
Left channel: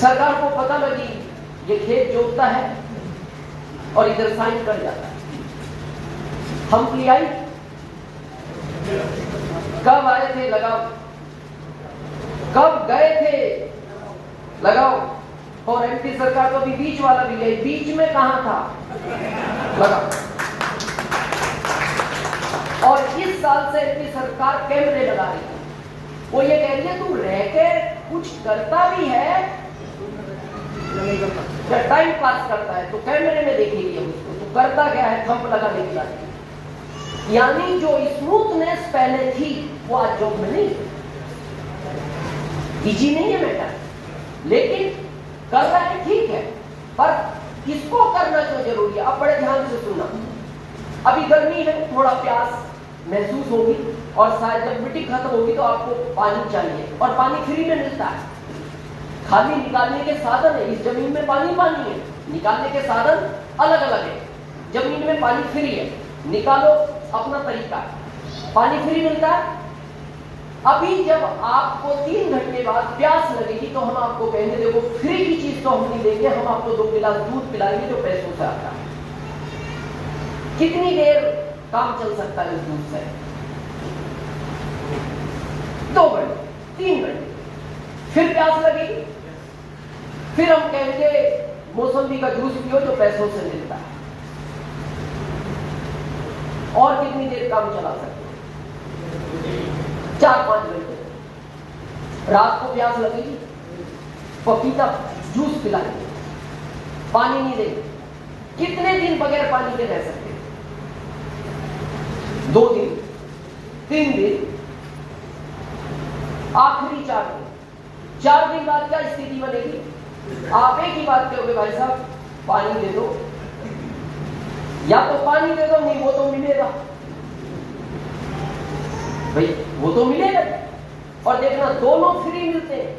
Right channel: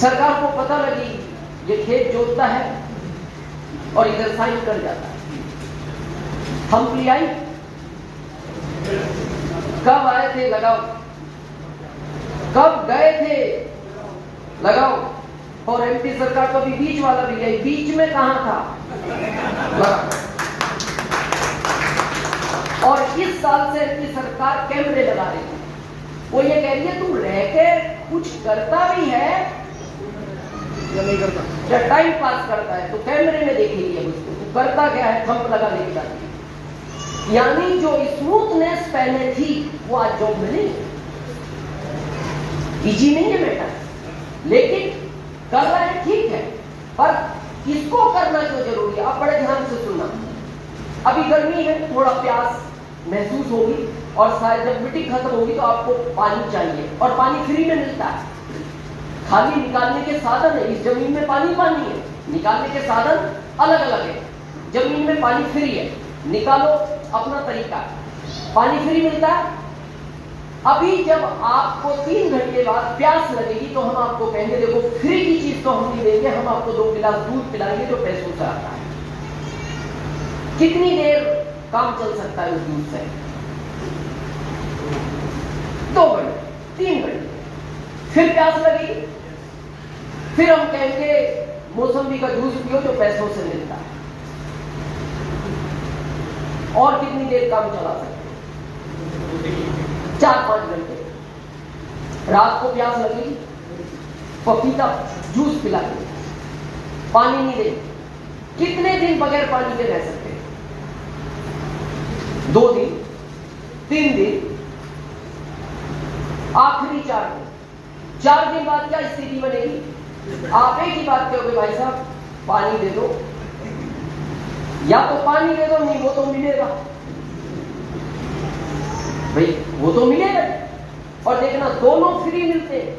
सरकार को पता लगी ये खेत जोतता है और इधर साइन कर जाता है, हम ले आई कब आए थे लगाओ, कब गए थे लगाओ। और एमपी सरकार तो अभी बीच वाला भी है, बीच में कहां था लगाओ। और इस साल से एमपी सरकार कैमरे लगा रही है। वो ये कह रही है तू रह के कुछ करता भी है या नहीं करता, या टाइम पास करता है तो कैमरे में देखेगी उसको तो करता क्या है, थंप लगा देगी जाती है। यानी जो स्मूथनेस पहले थी वो आज जॉब में नहीं, इजी नहीं है बेटा, लेकिन कर रहे हैं ठीक है, पर किसको करना क्यों जरूरी है। आप बड़े ध्यान से सुनना, अभी गर्मी है, थोड़ा प्यास महसूस होगी और शायद जब मिट्टी खत्म होगी तो आपको पानी चाहिए, और पानी फ्री में मिलता है, खाली निकालने के साधन है। इस जमीन में पानी पानी है, निकालने के साधन अलग अलग है। जमीन में पानी फ्री है, निकालो अपना तरीका, पानी फ्री मिलता है। अभी जब आपको 3 घंटे बाद प्यास लगेगी तो हम आपको कहेंगे देखो फ्री की चीज तो हम नहीं देंगे, हम आपको 2 गिलास दूध पिलाएंगे जो पैसों से आता है। कितनी देर काम चल सकता है उस दूध से? 2 घंटे, 3 घंटे, फिर प्यास लगेगी, फिर हम कहेंगे मौसम्बी का जूस पियो जो पैसों से मिलता है। और कितनी देर काम चला सकते? 4-5 घंटे। रात को प्यास लगेगी, पपीता जूस पिलाएंगे, पानी नहीं देंगे। कितने दिन बगैर पानी के रह सकते? 2 दिन, 3 दिन, आखिरी 4 दिन। 4 दिन बाद क्या स्थिति बनेगी? आप एक ही बात करोगे भाई साहब पानी दे दो, या तो पानी दे दो, नहीं वो तो मिलेगा भाई, वो तो मिलेगा। और देखना दोनों फ्री मिलते हैं,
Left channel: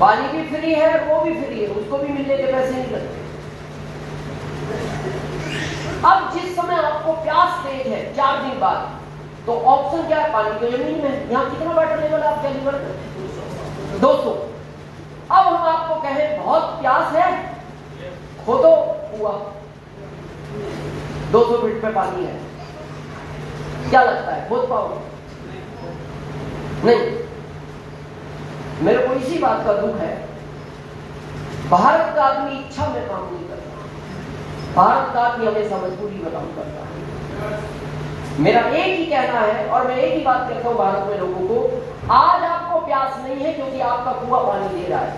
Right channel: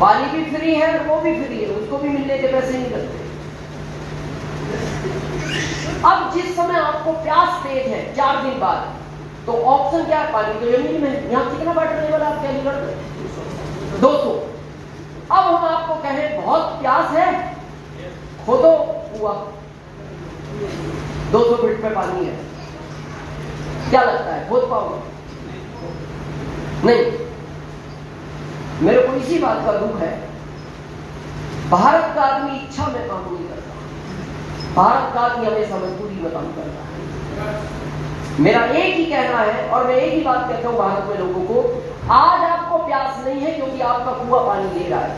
पानी भी फ्री है वो भी फ्री है, उसको भी मिलने के पैसे नहीं करते। अब जिस समय आपको प्यास तेज है 4 दिन बाद, तो ऑप्शन क्या है? पानी तो जमीन में, यहां कितना वाटर लेवल आप कैलकुलेट करते? 200। अब हम आपको कहें बहुत प्यास है, खोदो कुआं, 200 फीट पे पानी है, क्या लगता है खोद पाओगे? नहीं। मेरे को इसी बात का दुख है, भारत का आदमी इच्छा में काम नहीं करता, भारत का आदमी हमेशा मजबूरी में काम करता है। मेरा एक ही कहना है और मैं एक ही बात कहता हूं भारत में लोगों को, आज आपको प्यास नहीं है क्योंकि आपका कुआं पानी दे रहा है।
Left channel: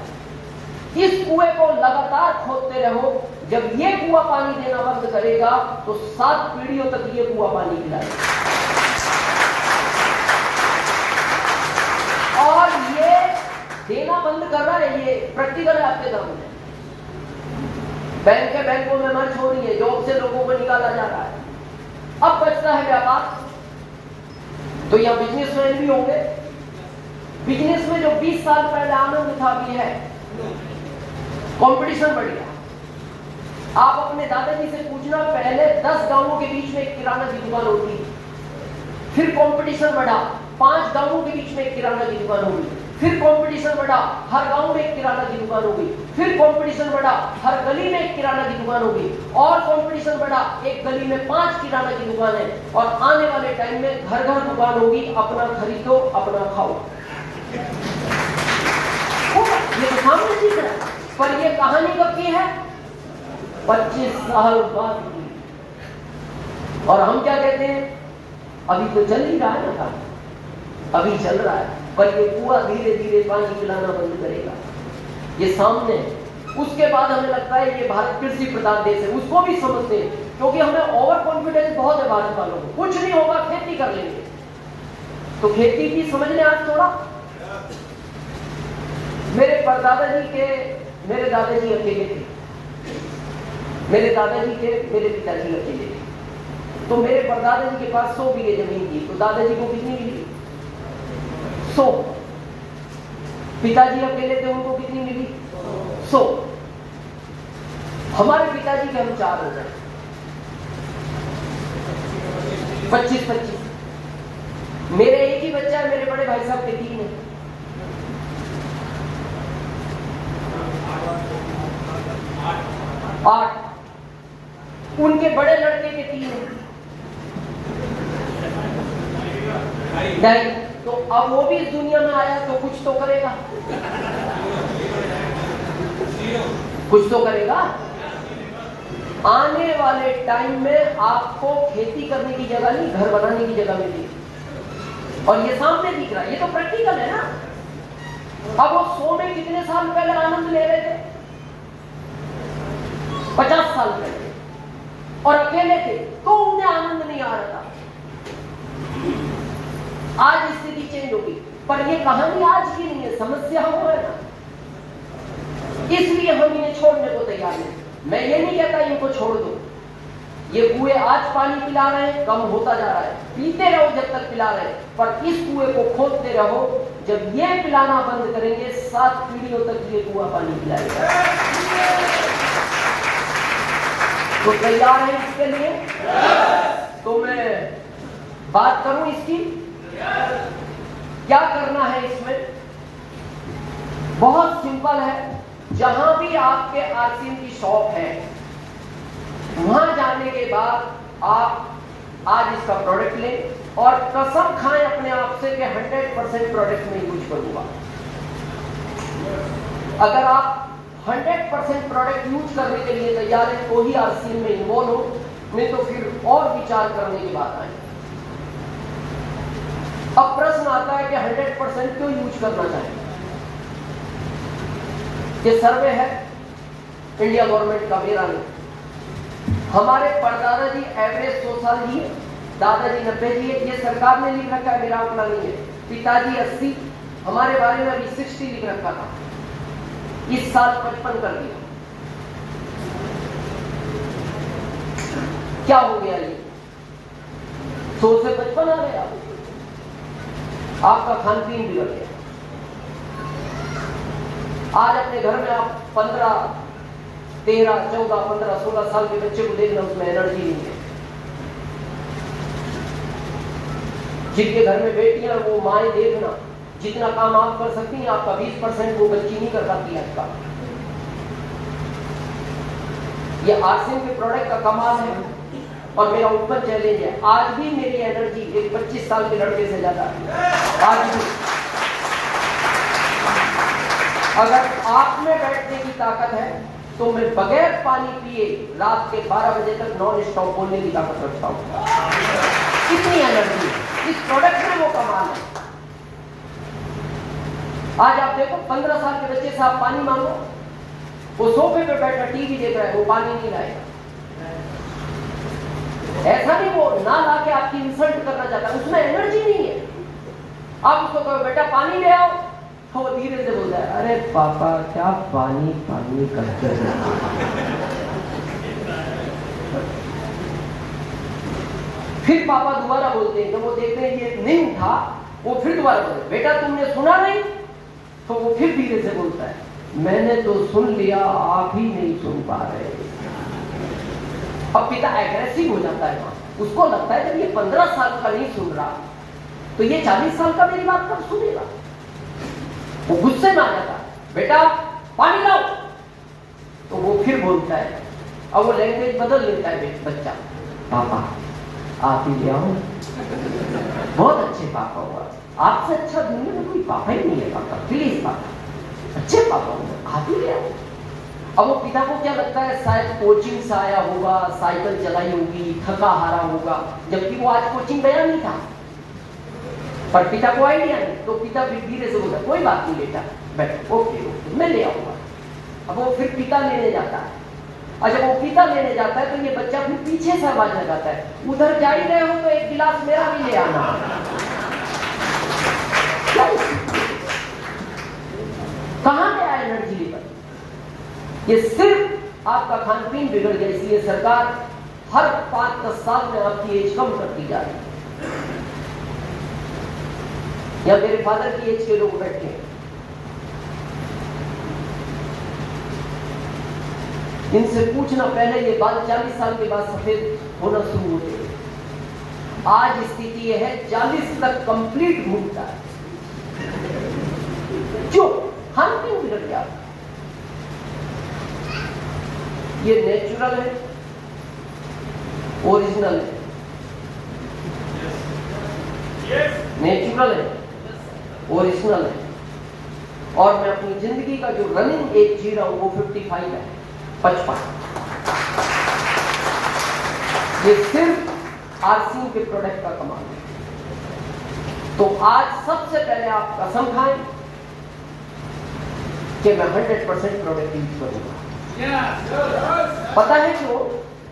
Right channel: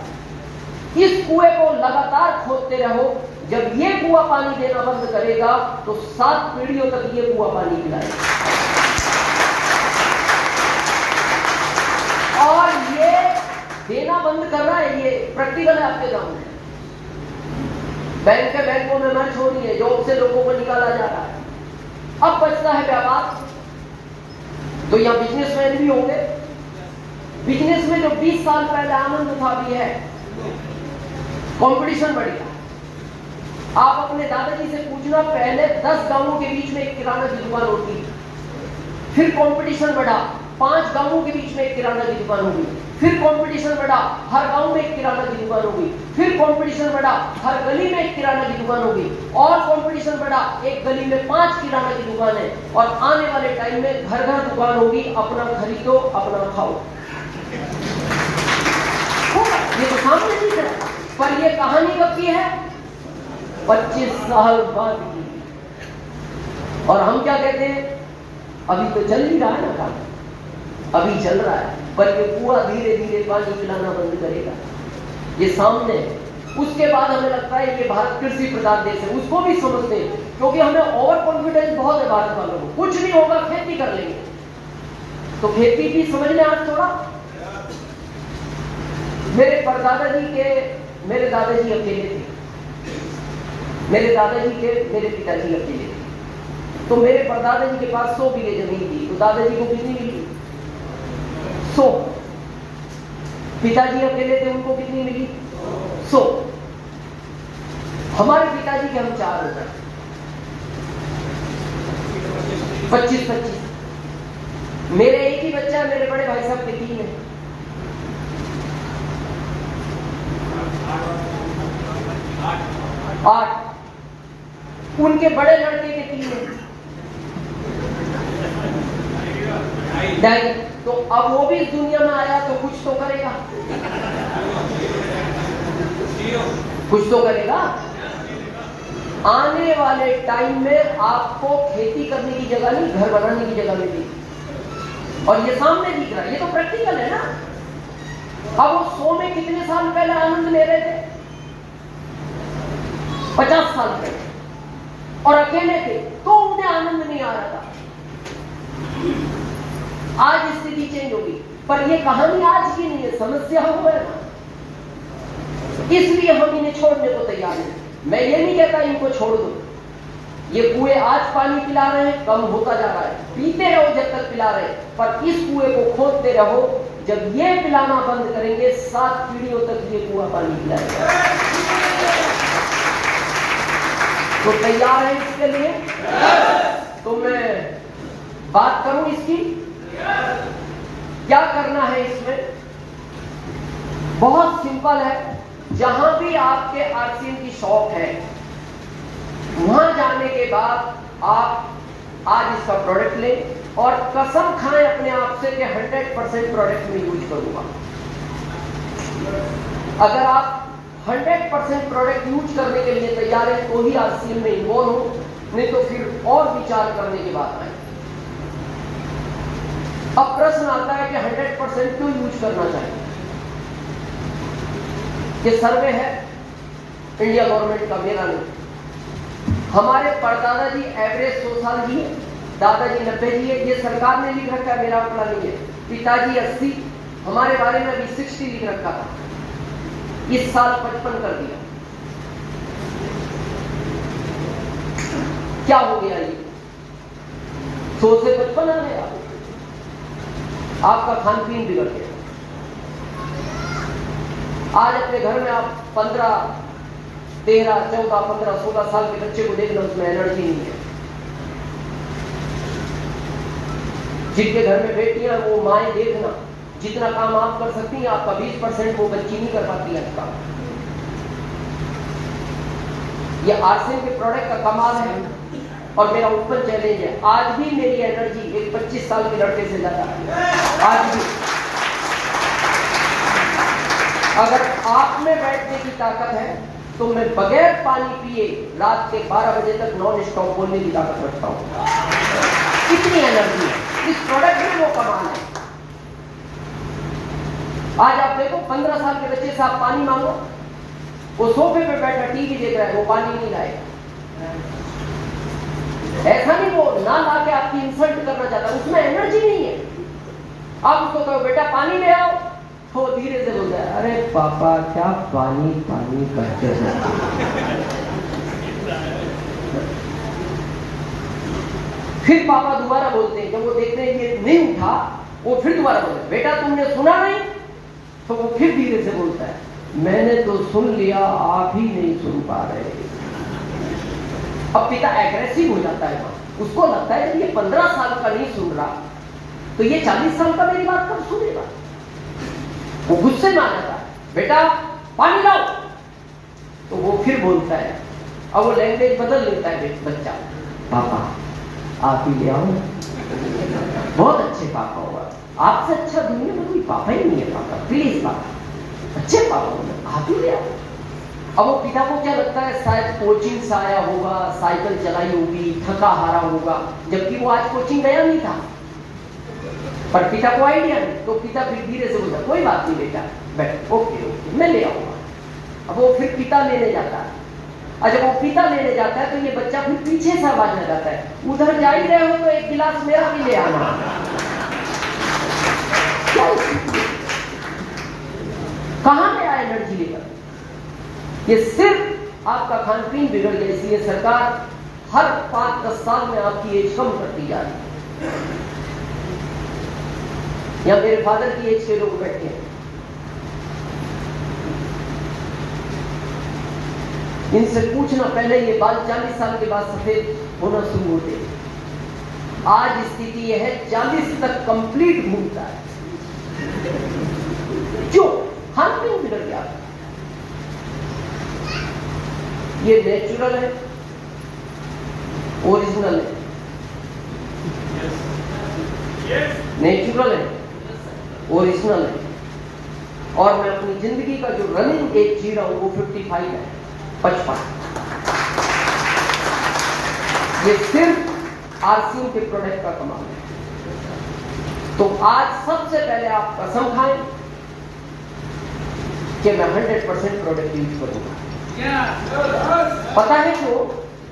इस कुएं को लगातार खोदते रहो, जब ये कुआं पानी देना बंद करेगा तो 7 पीढ़ियों तक ये कुआं पानी पिलाएगा। और ये देना बंद कर रहा है, ये प्रैक्टिकल है आपके सामने। बैंक के बैंकों में मर्ज हो रही है, जॉब से लोगों को निकाला जा रहा है। अब बचता है व्यापार, तो यहां बिजनेसमैन भी होंगे। बिजनेस में जो 20 साल पहले आनंद था भी है, कंपटीशन बढ़ गया। आप अपने दादाजी से पूछना, पहले 10 गांवों के बीच में एक किराना की दुकान होती, फिर कंपटीशन बढ़ा, 5 गांवों के बीच में एक किराना की दुकान होगी, फिर कंपटीशन बढ़ा, हर गांव में एक किराना की दुकान होगी, फिर कंपटीशन बढ़ा, हर गली में एक किराना की दुकान होगी, और कंपटीशन बढ़ा, एक गली में 5 किराना की दुकान है, और आने वाले टाइम में घर घर दुकान होगी। अपना खरीदो, अपना खाओ। ये तो सामने दिख रहा है, पर ये कहानी कब की है? 25 साल बाद की। और हम क्या कहते हैं? अभी तो चल ही रहा है ना, अभी चल रहा है, पर ये कुआं धीरे धीरे पानी पिलाना बंद करेगा। ये सामने, उसके बाद हमें लगता है ये भारत कृषि प्रधान देश है, उसको भी समझते हैं, क्योंकि हमें ओवर कॉन्फिडेंस बहुत है भारत वालों को, कुछ नहीं होगा खेती कर लेंगे। तो खेती की समझ में आज थोड़ा, मेरे दादाजी अकेले थे, मेरे पिताजी अकेले थे। तो मेरे परदादा जी के पास 100 बीघे जमीन थी, तो दादाजी को कितनी मिली? 100। पिताजी अकेले थे, उनको कितनी मिली? 100। हमारे पिताजी के हम 4 हो गए, 25-25। मेरे एक ही बच्चा है, मेरे बड़े भाई साहब के 3 है। 8। उनके बड़े लड़के के 3 है। नहीं। तो अब वो भी इस दुनिया में आया तो कुछ तो करेगा, कुछ तो करेगा। आने वाले टाइम में आपको खेती करने की जगह नहीं, घर बनाने की जगह मिलेगी। और ये सामने दिख रहा है, ये तो प्रैक्टिकल है ना। अब वो 100 में कितने साल पहले आनंद ले रहे थे? 50 साल पहले, और अकेले थे तो उन्हें आनंद नहीं आ रहा था। आज स्थिति चेंज होगी, पर ये कहानी आज की नहीं है, समस्या हो है ना, इसलिए हम इन्हें छोड़ने को तैयार हैं। मैं ये नहीं कहता इनको छोड़ दो, ये कुएं आज पानी पिला रहे हैं, कम होता जा रहा है, पीते रहो जब तक पिला रहे हैं, पर इस कुएं को खोदते रहो। जब ये पिलाना बंद करेंगे 7 पीढ़ियों तक ये कुआं पानी पिलाएगा। तो तैयार है इसके लिए? तो मैं बात करूं इसकी, क्या करना है इसमें? बहुत सिंपल है। जहां भी आपके आरसीएम की शॉप है, वहां जाने के बाद आप आज इसका प्रोडक्ट लें और कसम खाएं अपने आप से कि 100% प्रोडक्ट में यूज करूंगा। अगर आप 100% प्रोडक्ट यूज करने के लिए तैयार हैं तो ही आरसीएम में इन्वॉल्व हो, नहीं तो फिर और विचार करने की बात आए। अब प्रश्न आता है कि 100% क्यों यूज करना चाहिए? ये सर्वे है इंडिया गवर्नमेंट का, मेरा नहीं। हमारे परदादा जी एवरेज 100 साल जी, दादाजी 90 जी, ये सरकार ने लिख रखा है, मेरा आंकड़ा नहीं है। पिताजी 80, हमारे बारे में अभी 60 लिख रखा था, इस साल 55 कर दिया। क्या हो गया? ये 100 से 55 आ गया। आपका खान पीन बिगड़ गया। आज अपने घर में आप 15, 13, 14, 15, 16 साल के बच्चे को देखना, उसमें एनर्जी नहीं है। जिनके घर में बेटियां, वो माएं देखना, जितना काम आप कर सकती हैं आपका 20% वो बच्ची नहीं कर पाती है आपका। ये आरसीएम के प्रोडक्ट का कमाल है और मेरा ओपन चैलेंज है। आज भी मेरी एनर्जी एक 25 साल के लड़के से ज्यादा है। आज भी अगर आप में बैठने की ताकत है तो मैं बगैर पानी पिए रात के 12 बजे तक नॉन स्टॉप बोलने की ताकत रखता हूं। कितनी एनर्जी है इस प्रोडक्ट में, वो कमाल है। आज आप देखो 15 साल के बच्चे से आप पानी मांगो, वो सोफे पे बैठा टीवी देख रहा है, वो पानी नहीं लाएगा। ऐसा नहीं वो ना ला के आपकी इंसल्ट करना चाहता, उसमें एनर्जी नहीं है। आप उसको कहो बेटा पानी ले आओ, तो वो धीरे से बोलता है अरे पापा क्या पानी पानी करते हैं। फिर पापा दोबारा बोलते हैं, जब वो देखते हैं कि नहीं उठा, वो फिर दोबारा बोलते बेटा तुमने सुना नहीं, तो वो फिर धीरे से बोलता है मैंने तो सुन लिया, आप ही नहीं सुन पा रहे। अब पिता एग्रेसिव हो जाता है, उसको लगता है कि ये 15 साल का नहीं सुन रहा तो ये 40 साल का मेरी बात कब सुनेगा। वो गुस्से में आ जाता है बेटा पानी लाओ, तो वो फिर बोलता है, अब वो लैंग्वेज बदल लेता है बच्चा, पापा आप ही ले आओ, बहुत अच्छे पापा होगा, आपसे अच्छा दुनिया में कोई पापा ही नहीं है, पापा प्लीज पापा अच्छे पापा होगा, आप ही ले आओ। अब वो पिता को क्या लगता है शायद कोचिंग से आया होगा, साइकिल चलाई होगी, थका हारा होगा, जबकि वो आज कोचिंग गया नहीं था, पर पिता को आइडिया नहीं, तो पिता फिर धीरे से बोलता कोई बात नहीं बेटा बैठ, ओके ओके मैं ले आऊंगा। अब वो फिर पिता लेने जाता है, और जब वो पिता लेने जाता है तो ये बच्चा फिर पीछे से आवाज लगाता है उधर जा ही गए हो तो एक गिलास मेरा भी ले आना। कहां गया एनर्जी लेकर? ये सिर्फ आपका खान पीन बिगड़ गया, इसलिए सरकार हर 5-10 साल में आपकी एज कम करती जा रही है। या मेरे फादर की एज के लोग बैठे हैं, इनसे पूछना पहले ये बाल 40 साल के बाद सफेद होना शुरू होते हैं। आज स्थिति यह है 40 तक कंप्लीट घूमता है, क्यों? खान पीन बिगड़ गया। ये नेचुरल है, ओरिजिनल है। नेचुरल है, ओरिजिनल है। और मैं अपनी जिंदगी का जो रनिंग एज जी रहा हूं वो 55 है, 55। ये सिर्फ आरसीएम के प्रोडक्ट का कमाल है। तो आज सबसे पहले आप कसम खाएं कि मैं 100% प्रोडक्ट यूज करूंगा। पता है क्यों?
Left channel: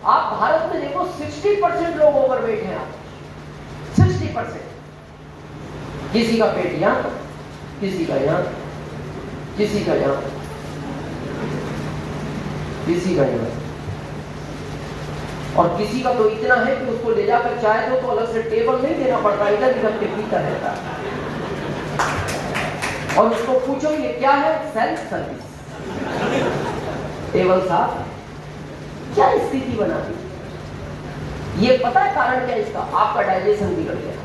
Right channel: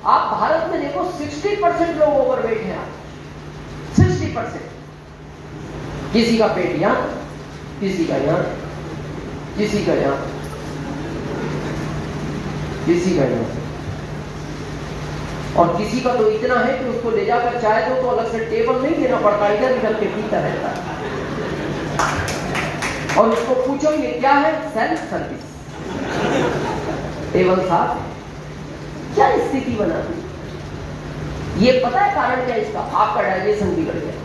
आप भारत में देखो 60% लोग ओवरवेट हैं। 60%। किसी का पेट यहां, किसी का यहां, किसी का यहां, किसी का यहां, और किसी का तो इतना है कि उसको ले जाकर चाय दो तो अलग से टेबल नहीं देना पड़ता, इधर इधर के पीता रहता है। और उसको पूछो ये क्या है? Self service. टेबल साहब क्या स्थिति बना दी? ये पता है कारण क्या इसका? आपका डाइजेशन बिगड़ गया।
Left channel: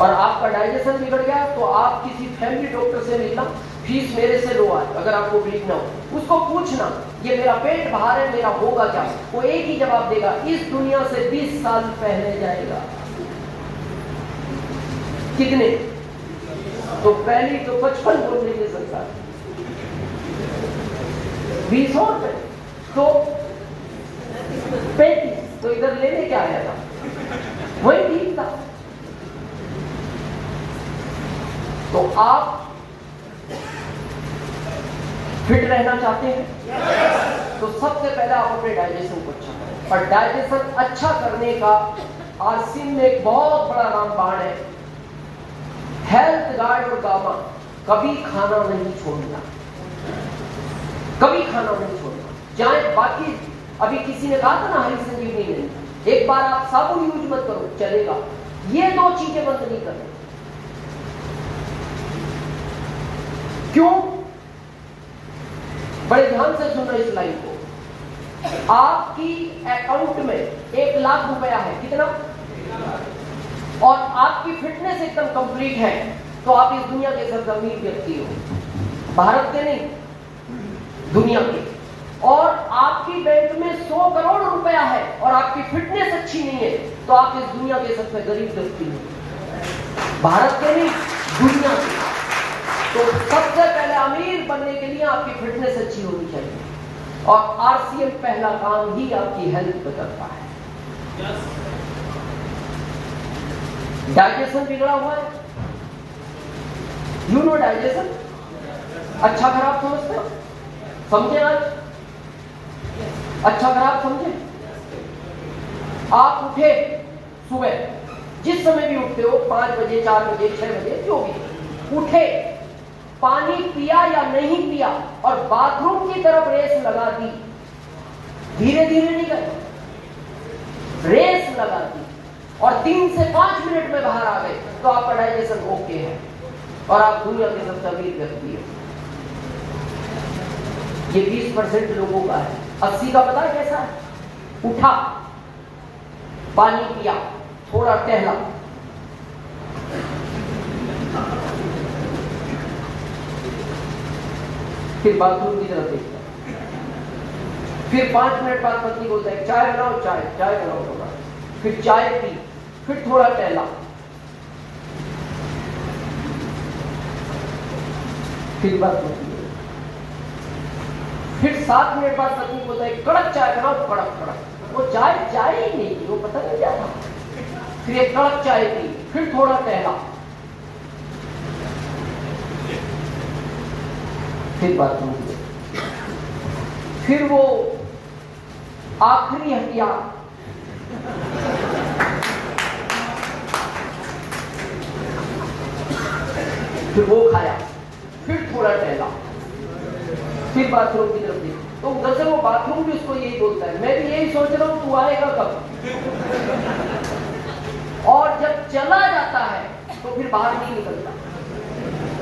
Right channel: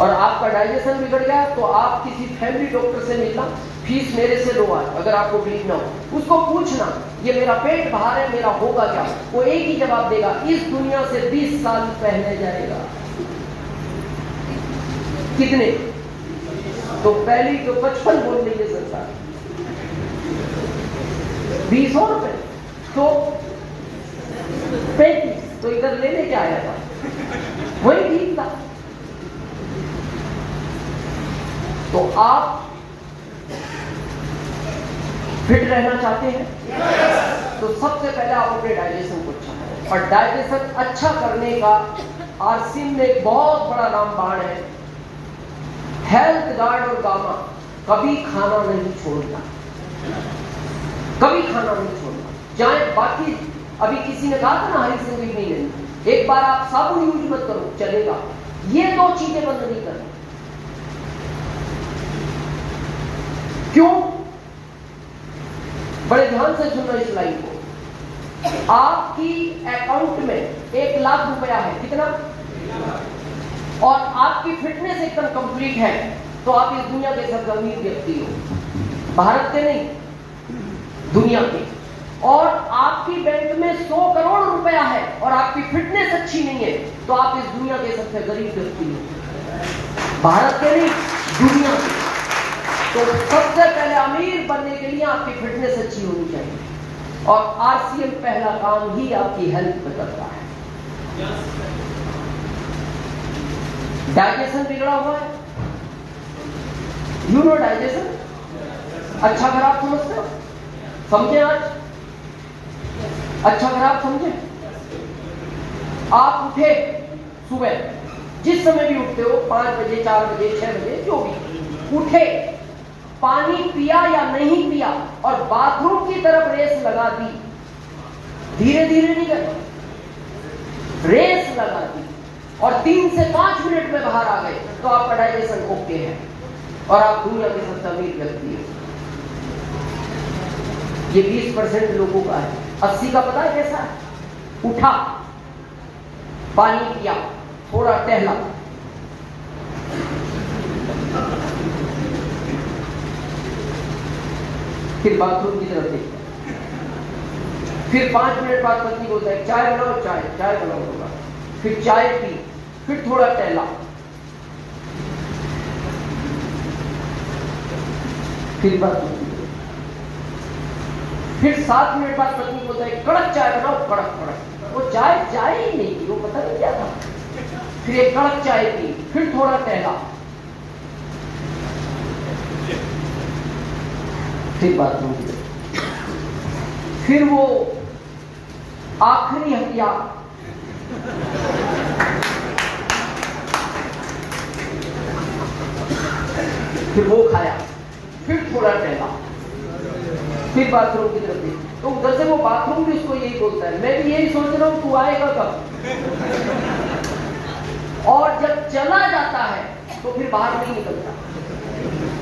और आपका डाइजेशन बिगड़ गया तो आप किसी फैमिली डॉक्टर से मिलना, फीस मेरे से लो आज, अगर आपको बिलीव ना हो। उसको पूछना ये मेरा पेट बाहर है, मेरा होगा क्या? वो एक ही जवाब देगा, इस दुनिया से 20 साल पहले जाएगा। कितने? तो पहली जो 55 बोल लीजिए संसार 20 और तो 35, तो इधर लेने क्या आया था? वही ठीक था। तो आप फिट रहना चाहते हैं तो सबसे पहले आप अपने डाइजेशन को अच्छा करें। और डाइजेशन अच्छा करने का आरसीएम में एक बहुत बड़ा रामबाण है, हेल्थ गार्ड और गामा। कभी खाना नहीं छोड़ना, कभी खाना नहीं छोड़ना। चाहे बाकी अभी किसी ने कहा था ना हरी सब्जी नहीं लेनी, एक बार आप साबुन यूज मत करो चलेगा, ये 2 चीजें बंद नहीं करनी। क्यों? बड़े ध्यान से सुनना इस लाइन को। आपकी अकाउंट में 1 लाख रुपया है, कितना? और आपकी फिटनेस एकदम कंप्लीट है तो आप इस दुनिया के सबसे अमीर व्यक्ति हो, भारत के नहीं, दुनिया के। और आपकी बैंक में 100 करोड़ रुपया है और आपकी फिटनेस अच्छी नहीं है तो आप इस दुनिया के सबसे गरीब व्यक्ति हो, भारत के नहीं, दुनिया के। तो सबसे पहले अमीर बनने के लिए आपकी फिटनेस अच्छी होनी चाहिए। और आरसीएम पहला काम ही आपकी हेल्थ पे करता है। डाइजेशन बिगड़ा हुआ है, यू नो डाइजेशन अच्छा खराब समझते हो? समझे आज? अच्छा खराब समझे? आप उठे सुबह, जिस समय भी उठते हो, 5 बजे, 4 बजे, 6 बजे, जो भी उठे, पानी पिया या नहीं पिया और बाथरूम की तरफ रेस लगा दी, धीरे धीरे नहीं करना, रेस लगा दी और 3 से 5 मिनट में बाहर आ गए तो आपका डाइजेशन ओके है और आप दुनिया के सबसे अमीर व्यक्ति हैं। ये 20% लोगों का है। 80 का पता है कैसा? उठा, पानी पिया, थोड़ा टहला, फिर बाथरूम की तरफ देखता, फिर 5 मिनट बाद पत्नी बोलता है चाय बनाओ, चाय बनाओ होगा, फिर चाय पी, फिर थोड़ा टहला, फिर बाथरूम, फिर 7 मिनट बाद पत्नी बोलता है कड़क चाय बनाओ, कड़क। वो चाय ही नहीं थी, वो पता नहीं क्या था। फिर एक कड़क चाय पी, फिर थोड़ा टहला, फिर बाथरूम, फिर वो आखिरी हटिया, फिर वो खाया, फिर थोड़ा टहला, फिर बाथरूम की तरफ देखा। तो उधर से वो बाथरूम भी उसको यही बोलता है, मैं भी यही सोच रहा हूं तू आएगा कब। और जब चला जाता है तो फिर बाहर नहीं निकलता,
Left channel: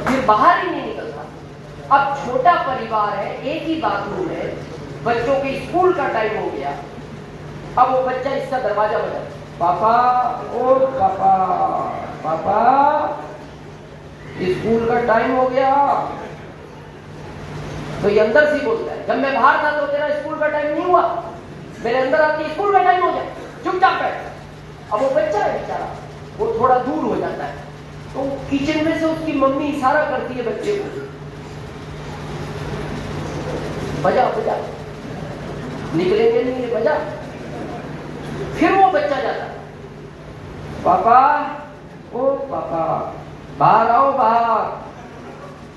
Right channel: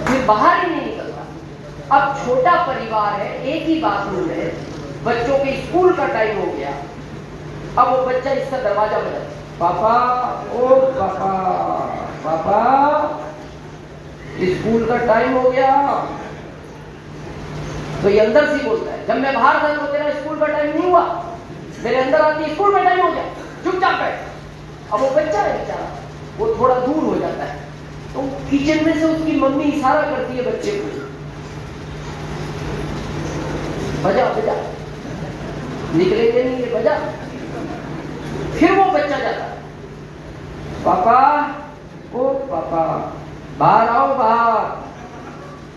फिर बाहर ही नहीं निकलता। अब छोटा परिवार है, एक ही बाथरूम है, बच्चों के स्कूल का टाइम हो गया, अब वो बच्चा इसका दरवाजा बजाए, पापा, ओ पापा, पापा स्कूल का टाइम हो गया। तो ये अंदर से बोलता है, जब मैं बाहर था तो तेरा स्कूल का टाइम नहीं हुआ, मेरे अंदर आके स्कूल का टाइम हो गया, चुपचाप बैठ। अब वो बच्चा है बेचारा, वो थोड़ा दूर हो जाता है, तो किचन में से उसकी मम्मी इशारा करती है बच्चे को, बजा बजा, निकलेंगे नहीं ये बजा। फिर वो बच्चा जाता है, पापा ओ पापा बाहर आओ बाहर।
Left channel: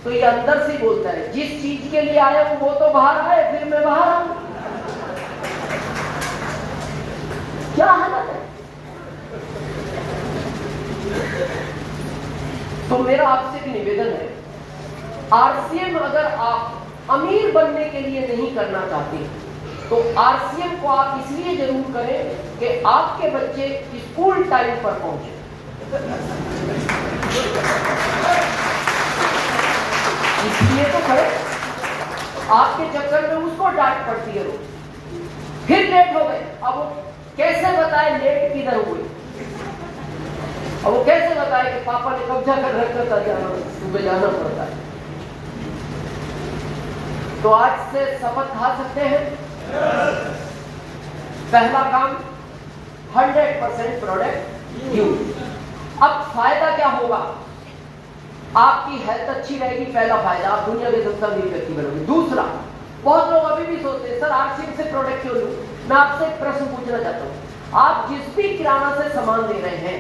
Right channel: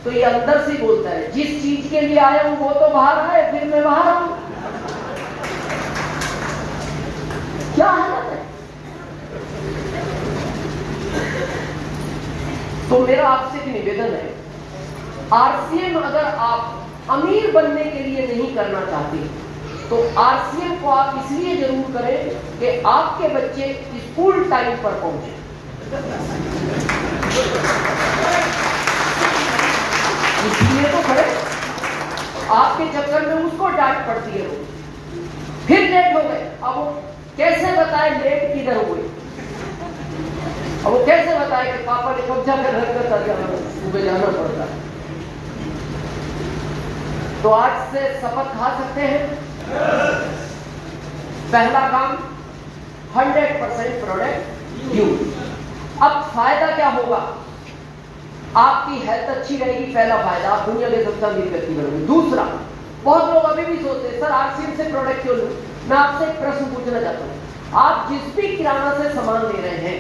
तो ये अंदर से बोलता है जिस चीज के लिए आया हूं वो तो बाहर आए, फिर मैं बाहर आऊं। क्या हालत है? तो मेरा आपसे भी निवेदन है, आरसीएम अगर आप अमीर बनने के लिए नहीं करना चाहते तो आरसीएम को आप इसलिए जरूर करें कि आपके बच्चे स्कूल टाइम पर पहुंचे। इसलिए तो करें, आपके चक्कर में उसको डांट पड़ती है, फिर लेट हो गए। अब वो कैसे बताए लेट किधर हुए? अब वो कैसे बताए कि पापा ने कब्जा कर रखा था, सुबह जाना पड़ता है। तो आज से शपथ खा सकते हैं, पहला काम 100% प्रोडक्ट यूज। अब फायदा क्या होगा? आपकी हेल्थ अच्छी रहेगी, पहला फायदा, आप दुनिया के सबसे अमीर व्यक्ति बनोगे। दूसरा, बहुत लोग अभी भी सोचते हैं सर आरसीएम से प्रोडक्ट क्यों लूं? मैं आपसे एक प्रश्न पूछना चाहता हूं, आप जिस भी किराना से सामान ले रहे हैं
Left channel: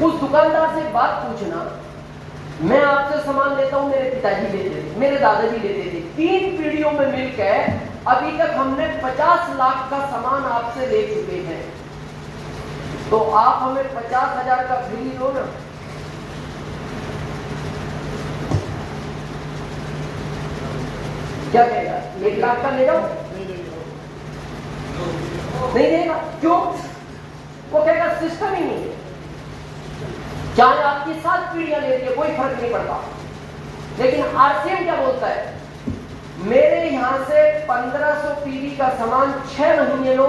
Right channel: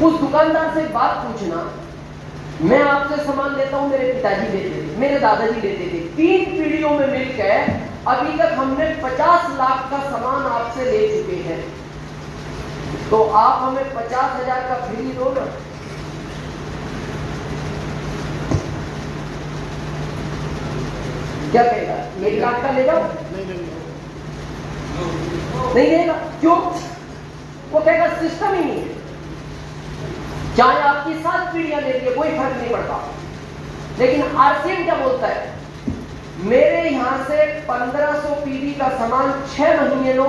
उस दुकानदार से बात पूछना, मैं आपसे सामान लेता हूं, मेरे पिताजी लेते थे, मेरे दादाजी लेते थे, 3 पीढ़ियों में मिलकर अभी तक हमने 50 लाख का सामान आपसे ले चुके हैं, तो आप हमें 50,000 का फ्री दो ना। क्या कहेगा? 1 लाख का लेगा? नहीं देगा। क्यों? वो कहेगा सिस्टम ही नहीं है। चाहे आपकी 7 पीढ़ियां ले लिए, कोई फर्क नहीं पड़ता। लेकिन आरसीएम क्या बोलता है? मेरे यहां से 1500 पीढ़ी का सामान 6 महीने लो,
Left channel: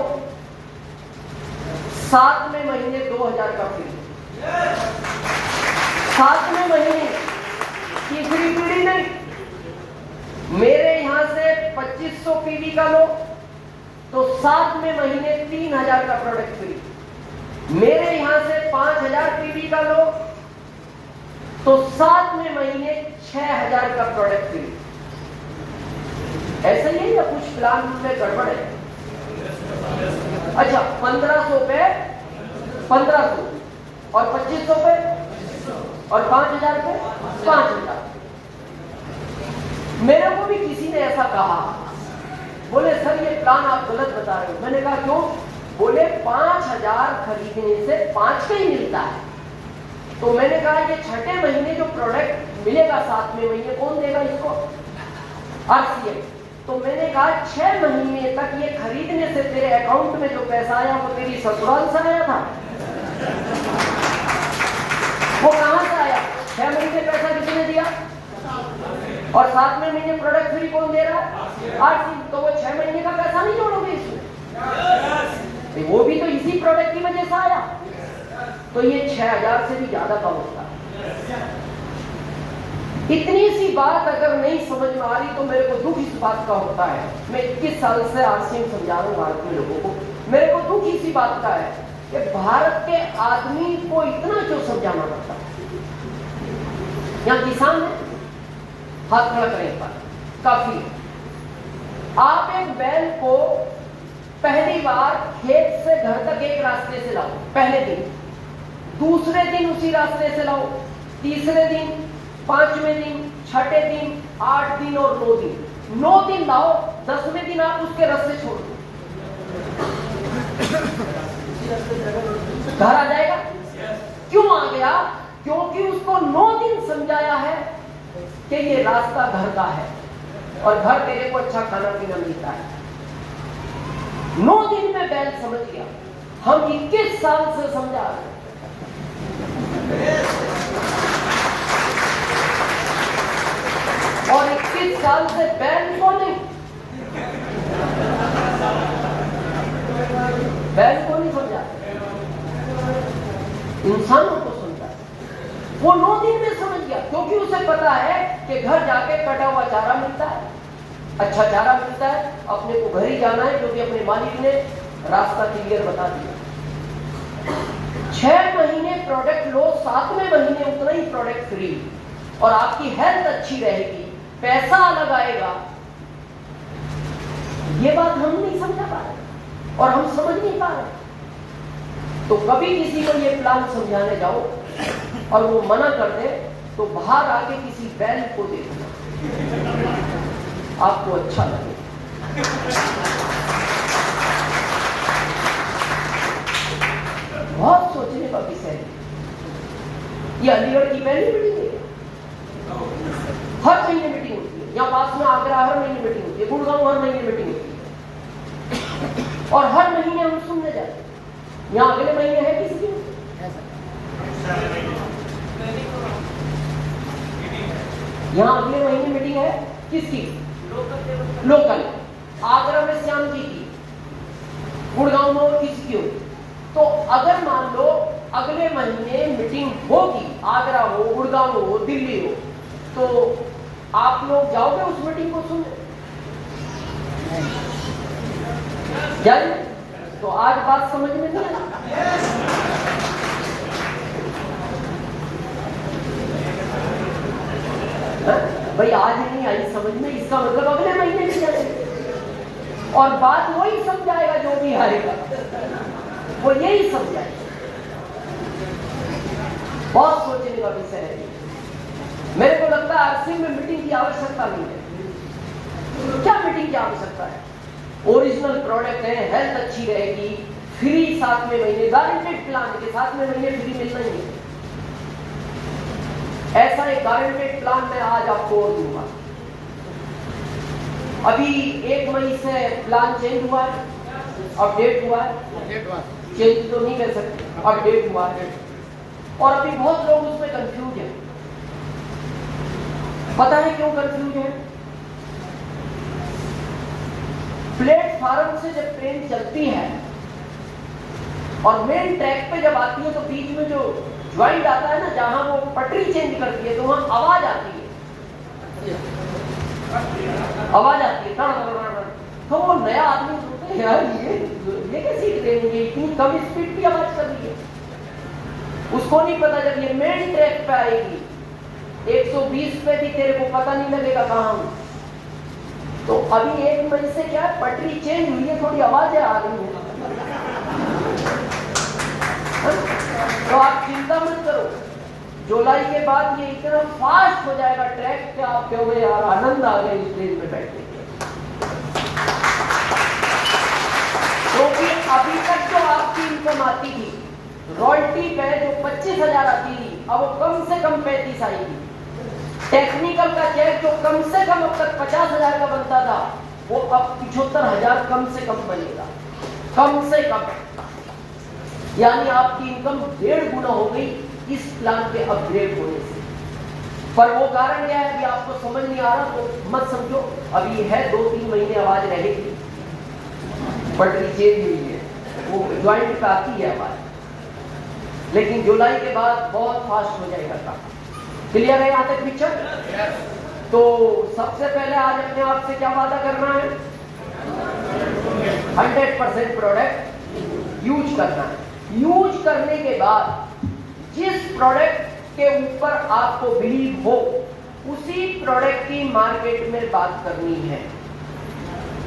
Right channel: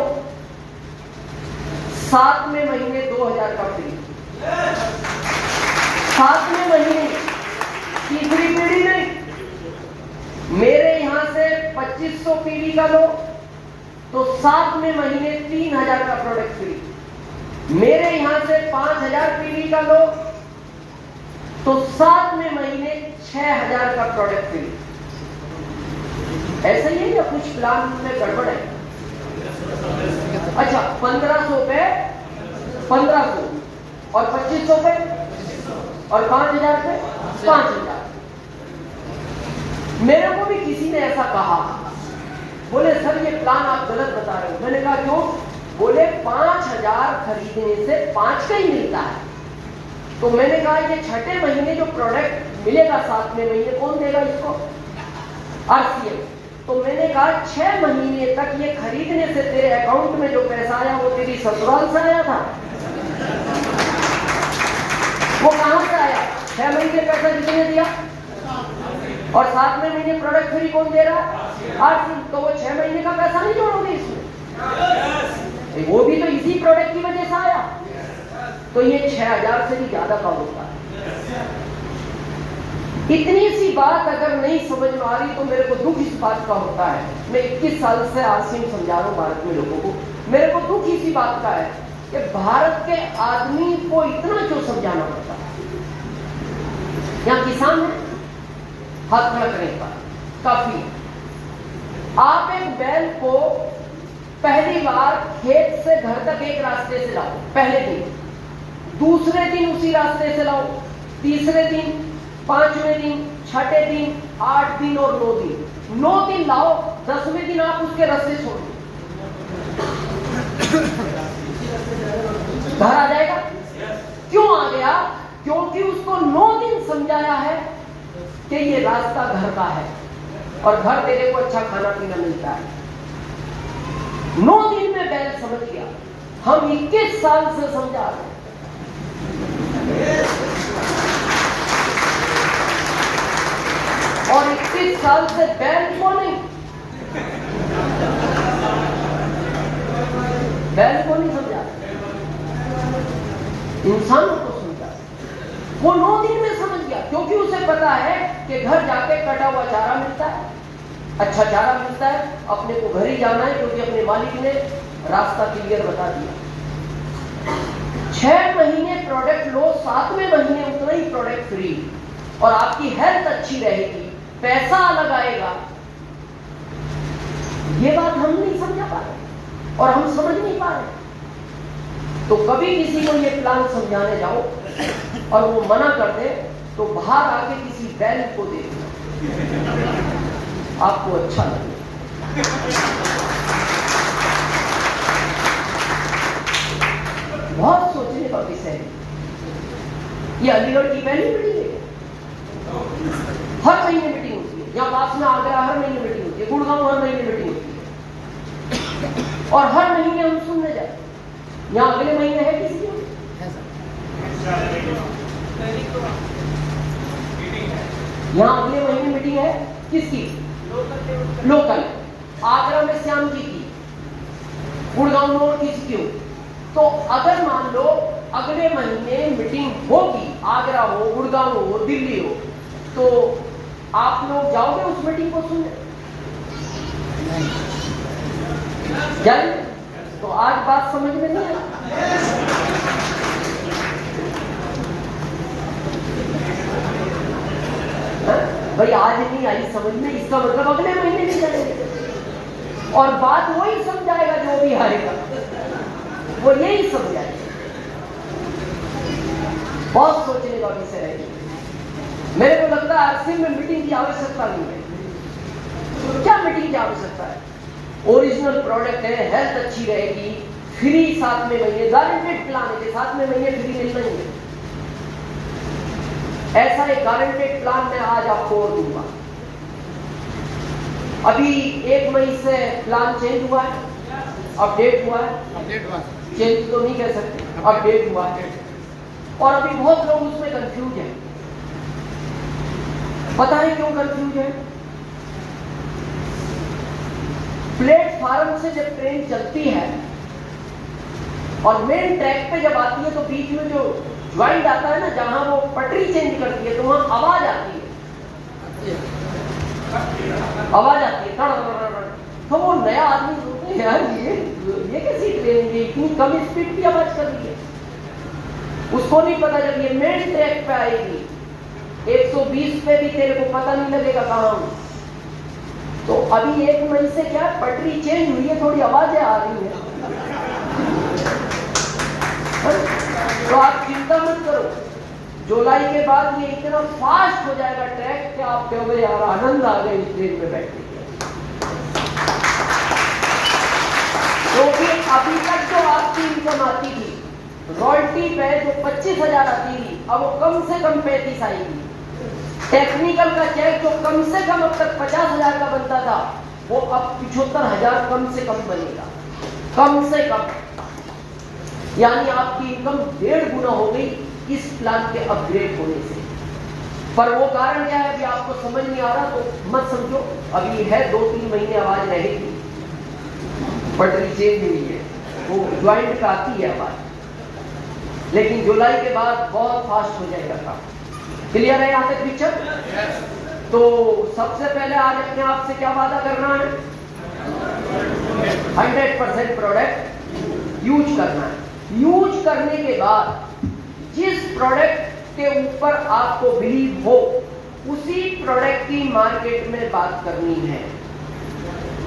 7वें महीने 2000 का फ्री। 7वें महीने तीसरी पीढ़ी नहीं। मेरे यहां से 2500 पीढ़ी का लो तो 7वें महीने 3000 का प्रोडक्ट फ्री। मेरे यहां से 5000 पीढ़ी का लो तो 7वें महीने 6000 का प्रोडक्ट फ्री। ऐसा ही है या कुछ प्लान में गड़बड़ है? अच्छा, 1500 पे 1500 और 2500 पे और 5000 पे 5000। मेरे को भी किसी ने ऐसा कहा, बोले सर ये प्लान आप गलत बता रहे हो। मैंने कहा क्यों? बोले 5000 खरीदने से 5 का ही मिलता है। तो मैंने कहा कि 6ठे महीने जो प्रोडक्ट मिलेगा 7वें महीने कौन देगा इसको? आरसीएम। तो मैंने कहा 6 महीने तक ये खरीदने से तेरे अकाउंट में जो पैसा आया वो तेरी ससुराल से आया था। वो कहां से आया? 6 महीने पैसा किसने दिया? और 7वें महीने प्रोडक्ट फ्री कौन दे रहा है? आरसीएम। तो वो 6 महीने का पैसा नहीं जोड़ोगे इसमें? वो भी तो इसी प्रोडक्ट की वजह से आया। तो ये 6000 से भी ज्यादा का होता है। इतनी सी बात अगर नहीं समझ में आ रही तो मेरे को दुख इस बात का होता है। मैं 21 साल से आरसीएम समझा रहा हूं भारत में लोगों को। मेरे को दुख इसी बात का है कि भारत के आदमी को इतना क्यों समझाना पड़ता है। यहां किसान है, हाथ खड़ा करेगा काफी। आप एक बैल को पहली बार खेत से घर तक एक रास्ते से लाओ, पहले दिन, दूसरे दिन उसी रास्ते से लाओ, तीसरे दिन, 5वें दिन, 6ठे दिन, 8 दिन और 9 दिन। 9 दिन लाओ, 10वें दिन आप उसके रास्ते छोड़ दो, घर आ जाएगा। क्यों आ गया? क्योंकि उसको 9 दिन समझाया है कि ये रास्ता घर का है और घर तेरे को अच्छा खाना पीना मिलता है। 9 दिन में बैल समझ गया। हम 21 साल से समझा रहे हैं। और 21 साल से बैल को नहीं, बैल को नहीं समझा, इंसानों को समझा। वो 9 दिन में समझ गया क्योंकि उसे पता है कि घर जाके कटा हुआ चारा मिलता है, अच्छा चारा मिलता है, अपने को घर ही जाना है क्योंकि अपने मालिक ने रास्ता क्लियर बता दिया। 6 महीने प्रोडक्ट लो, 7वें महीने उतना ही प्रोडक्ट फ्री, और आपकी हेल्थ अच्छी रहेगी, पैसा अलग आएगा। ये बात हम नहीं समझा पा रहे और हम समझ नहीं पा रहे। तो कभी किसी को ये प्लान समझाने जाओ और वो मना कर दे, तो बाहर आके किसी बैल को दे दो, आपको अच्छा लगे। बहुत सोचने का विषय है। ये अलीगढ़ की पहली मीटिंग है, हर महीने मीटिंग होती है। यहाँ पास में आगरा हर महीने मीटिंग होती है, गुड़गांव हर महीने मीटिंग होती है, और हर महीने हम सुनने जाते हैं। यहाँ अगले महीने है किसी की? यहाँ अगले महीने मीटिंग है किसकी? लोकल। आगरा में श्याम की थी, गुड़गांव में और किसी की हो। तो अगर मान लो अगले महीने मीटिंग होगी, आगरा हो, गुड़गांव हो, दिल्ली हो, तो आप लोग जाओगे उस मीटिंग को सुनने? जाइए। तो आज बात समझ में नहीं आई। भाई आज नहीं आई समझ में, इसका मतलब अगले महीने नहीं जाएगी, और बात वही समझाएगा जो भी आएगा, वो यही समझाएगा। बहुत सोचने का विषय है। मेरे को लगता है आरसी में मीटिंग की आवश्यकता नहीं है। तो क्या मीटिंग की आवश्यकता है? ओरिजिनल प्रोडक्ट है, हेल्थ अच्छी रहेगी, फ्री 7वें महीने, गारंटेड प्लान के 7वें महीने फ्री मिल रही है। ऐसा एक गारंटेड प्लान मैं आज आपको और दूंगा। अभी 1 मई से प्लान चेंज हुआ है, अपडेट हुआ है, चेंज तो नहीं कह सकते, अपडेट हुआ है, और अभी बहुत लोग उसमें कंफ्यूज हैं। पता है क्यों कंफ्यूज है? प्लेटफार्म से जब ट्रेन चलती है और मेन ट्रैक पे जब आती है, तो बीच में जो ज्वाइंट आता है ना, जहां वो पटरी चेंज करती है, तो वहां आवाज आती है, आवाज आती है। तो वो नया आदमी सोचते हैं यार ये कैसी ट्रेन है, इतनी कम स्पीड की आवाज कर रही है। उसको नहीं पता जब ये मेन ट्रैक पे आएगी 120 पे भी तेरे को पता नहीं लगेगा कहां। तो अभी 1 मई से क्या पटरी चेंज हुई है, थोड़ी आवाजें आ रही है। तो आप चिंता मत करो, जुलाई के बाद ये इतना फास्ट हो जाएगा ट्रैक कि आप कहोगे यार आनंद आ गया इस ट्रेन में बैठने के। क्योंकि अभी तक जो आपकी इनकम आती थी रॉयल्टी पे, जो 25,000 आती थी, अब वो कम से कम 35 आएगी। टेक्निकल का चेक जो कम से कम अब तक 50,000 का बनता था, वो अब 75,000 कम से कम बनेगा, कम से कम। यानी आपकी इनकम 1.5 गुना हो गई इस प्लान के अपग्रेड होने से। पर वो कारण क्या है अभी आपको समझ नहीं आ रहा, तो मत समझो, अभी है 2-3 महीने आवाज रहेगी, पटरी चेंज हुई है, वो ज्वाइंट का आती है आवाज, लेकिन जुलाई के बाद बहुत फास्ट हो जाएगा काम। क्लियर है यहाँ तक पिक्चर? तो सबसे पहले आज अपने आप से क्या वादा करना है? 100% प्रोडक्ट यूज करना है। यूज करने के बाद जिस प्रोडक्ट के ऊपर आपको बिलीव हो, उसी प्रोडक्ट की मार्केट में बात करनी है।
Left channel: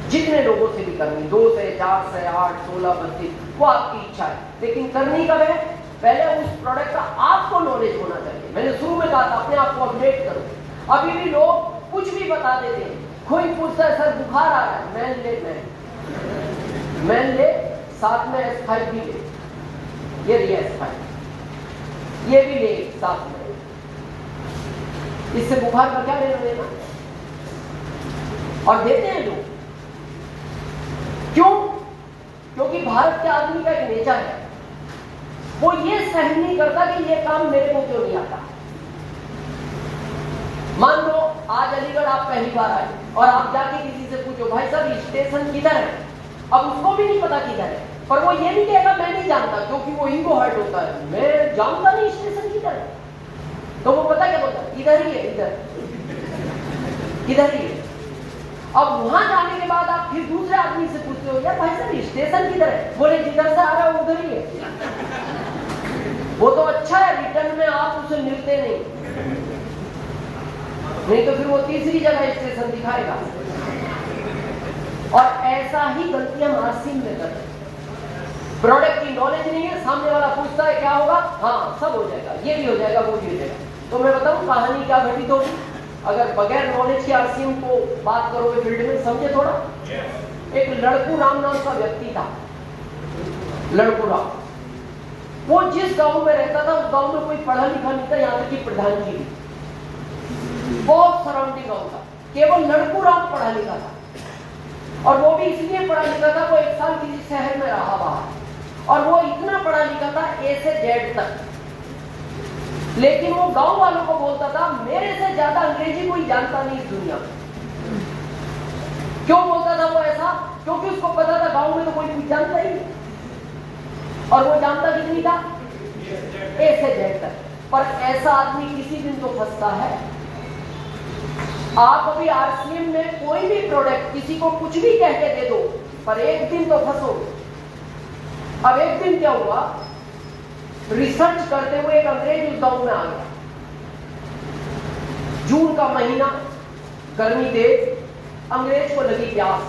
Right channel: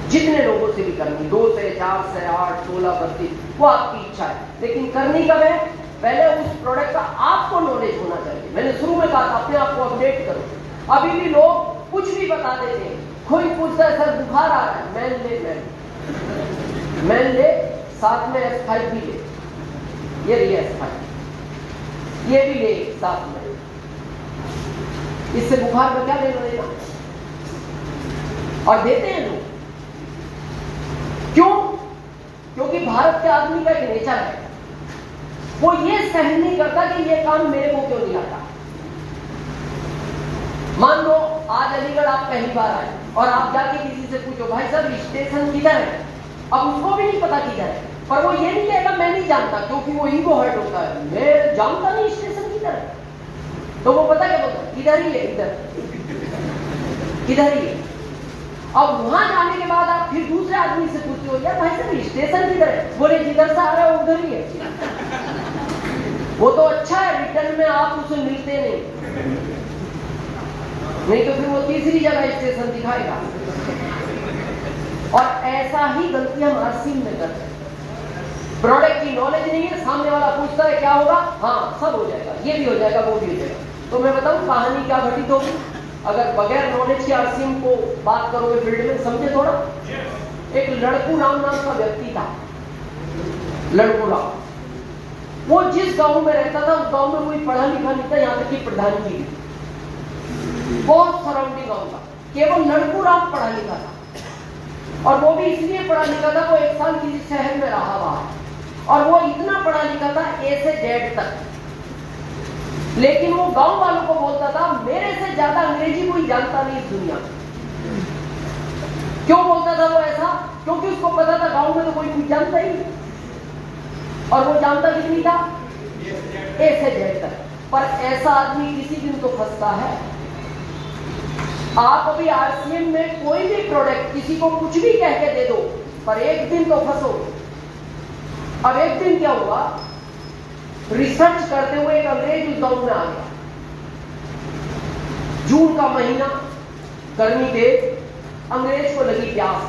जितने लोगों से भी करनी, 2 से 4 से 8, 16, 32, वो आपकी इच्छा है, लेकिन करनी कब है? पहले उस प्रोडक्ट का आपको नॉलेज होना चाहिए। मैंने शुरू में कहा था अपने आप को अपडेट करो। अभी भी लोग कुछ भी बता देते हैं। कोई पूछता है सर बुखार आ रहा है, मैन ले, साथ में S5 भी ले, ये रही S5, ये भी ले साथ में। इससे बुखार का क्या लेना देना? और देते हैं लोग। क्यों? क्योंकि भारत के आदमी का एक नेचर है, वो ये सहन नहीं करता कि ये काम मेरे को क्यों नहीं आता। मान लो आज अलीगढ़ आप पहली बार आए और आप जाके किसी से पूछो भाई साहब स्टेशन किधर है, अब उसको भी नहीं पता किधर है, पर वो ये नहीं कहेगा मैं नहीं जानता, क्योंकि वो ईगो हर्ट होता है, मैं जानता नहीं स्टेशन किधर है। तो वो पता क्या बोलता है? इधर ही है, इधर ही है। अब वहां जाने के बाद आप फिर दूसरे आदमी से पूछते हो यार भाई साहब स्टेशन किधर है, बोले जिधर से आ रहा है उधर ही है। वो तो अच्छा है, रिटर्न में आप उसे मिलते नहीं तो फिर वो तीसरी जगह स्टेशन दिखाएगा। और ऐसा ही गलती हम आरसीएम में करते हैं। प्रोडक्ट की नॉलेज नहीं है, सामने वाला पूछता है क्या होगा, हाँ सब हो जाएगा, ये भी हो जाएगा, वो भी हो जाएगा। तो मैं बताऊं कहानी क्या घटित होगी अगर बगैर नॉलेज के आरसीएम को बात करोगे फील्ड में। समझे थोड़ा। एक लड़कू राम नाम का व्यक्ति था, लड़कू राम। वो जिस गांव में रहता था उस गांव में कोई पढ़ा लिखा नहीं था, यहां तक कि प्रधान जी भी। बहुत सराउंडिंग गांव था, केवल लड़कू राम पढ़ा लिखा था। और वो भी इसलिए पढ़ा लिखा था, वो 1 साल किसी शहर में रहा वहां, और वो इतना पढ़ा लिखा था ए से जेड तक। लेकिन वो गांव वालों को बोलता था मेरे से ज्यादा अंग्रेजी कोई जानता नहीं इस दुनिया में। क्यों बोलता था वो ऐसा? क्योंकि उसको पता था गांव में तो कोई कुछ जानता ही नहीं, और वो जानता कितनी था, ए से जेड तक। पर ऐसा आदमी किसी दिन तो फंसता है। आप अभी आरसीएम में कोई भी प्रोडक्ट किसी को कुछ भी कह के दे दो, पर एक दिन तो फंसो। अब एक दिन क्या हुआ, रिसर्च करते हुए एक अंग्रेज उस गांव में आ गया। जून का महीना, गर्मी तेज, अंग्रेज को लगी प्यास।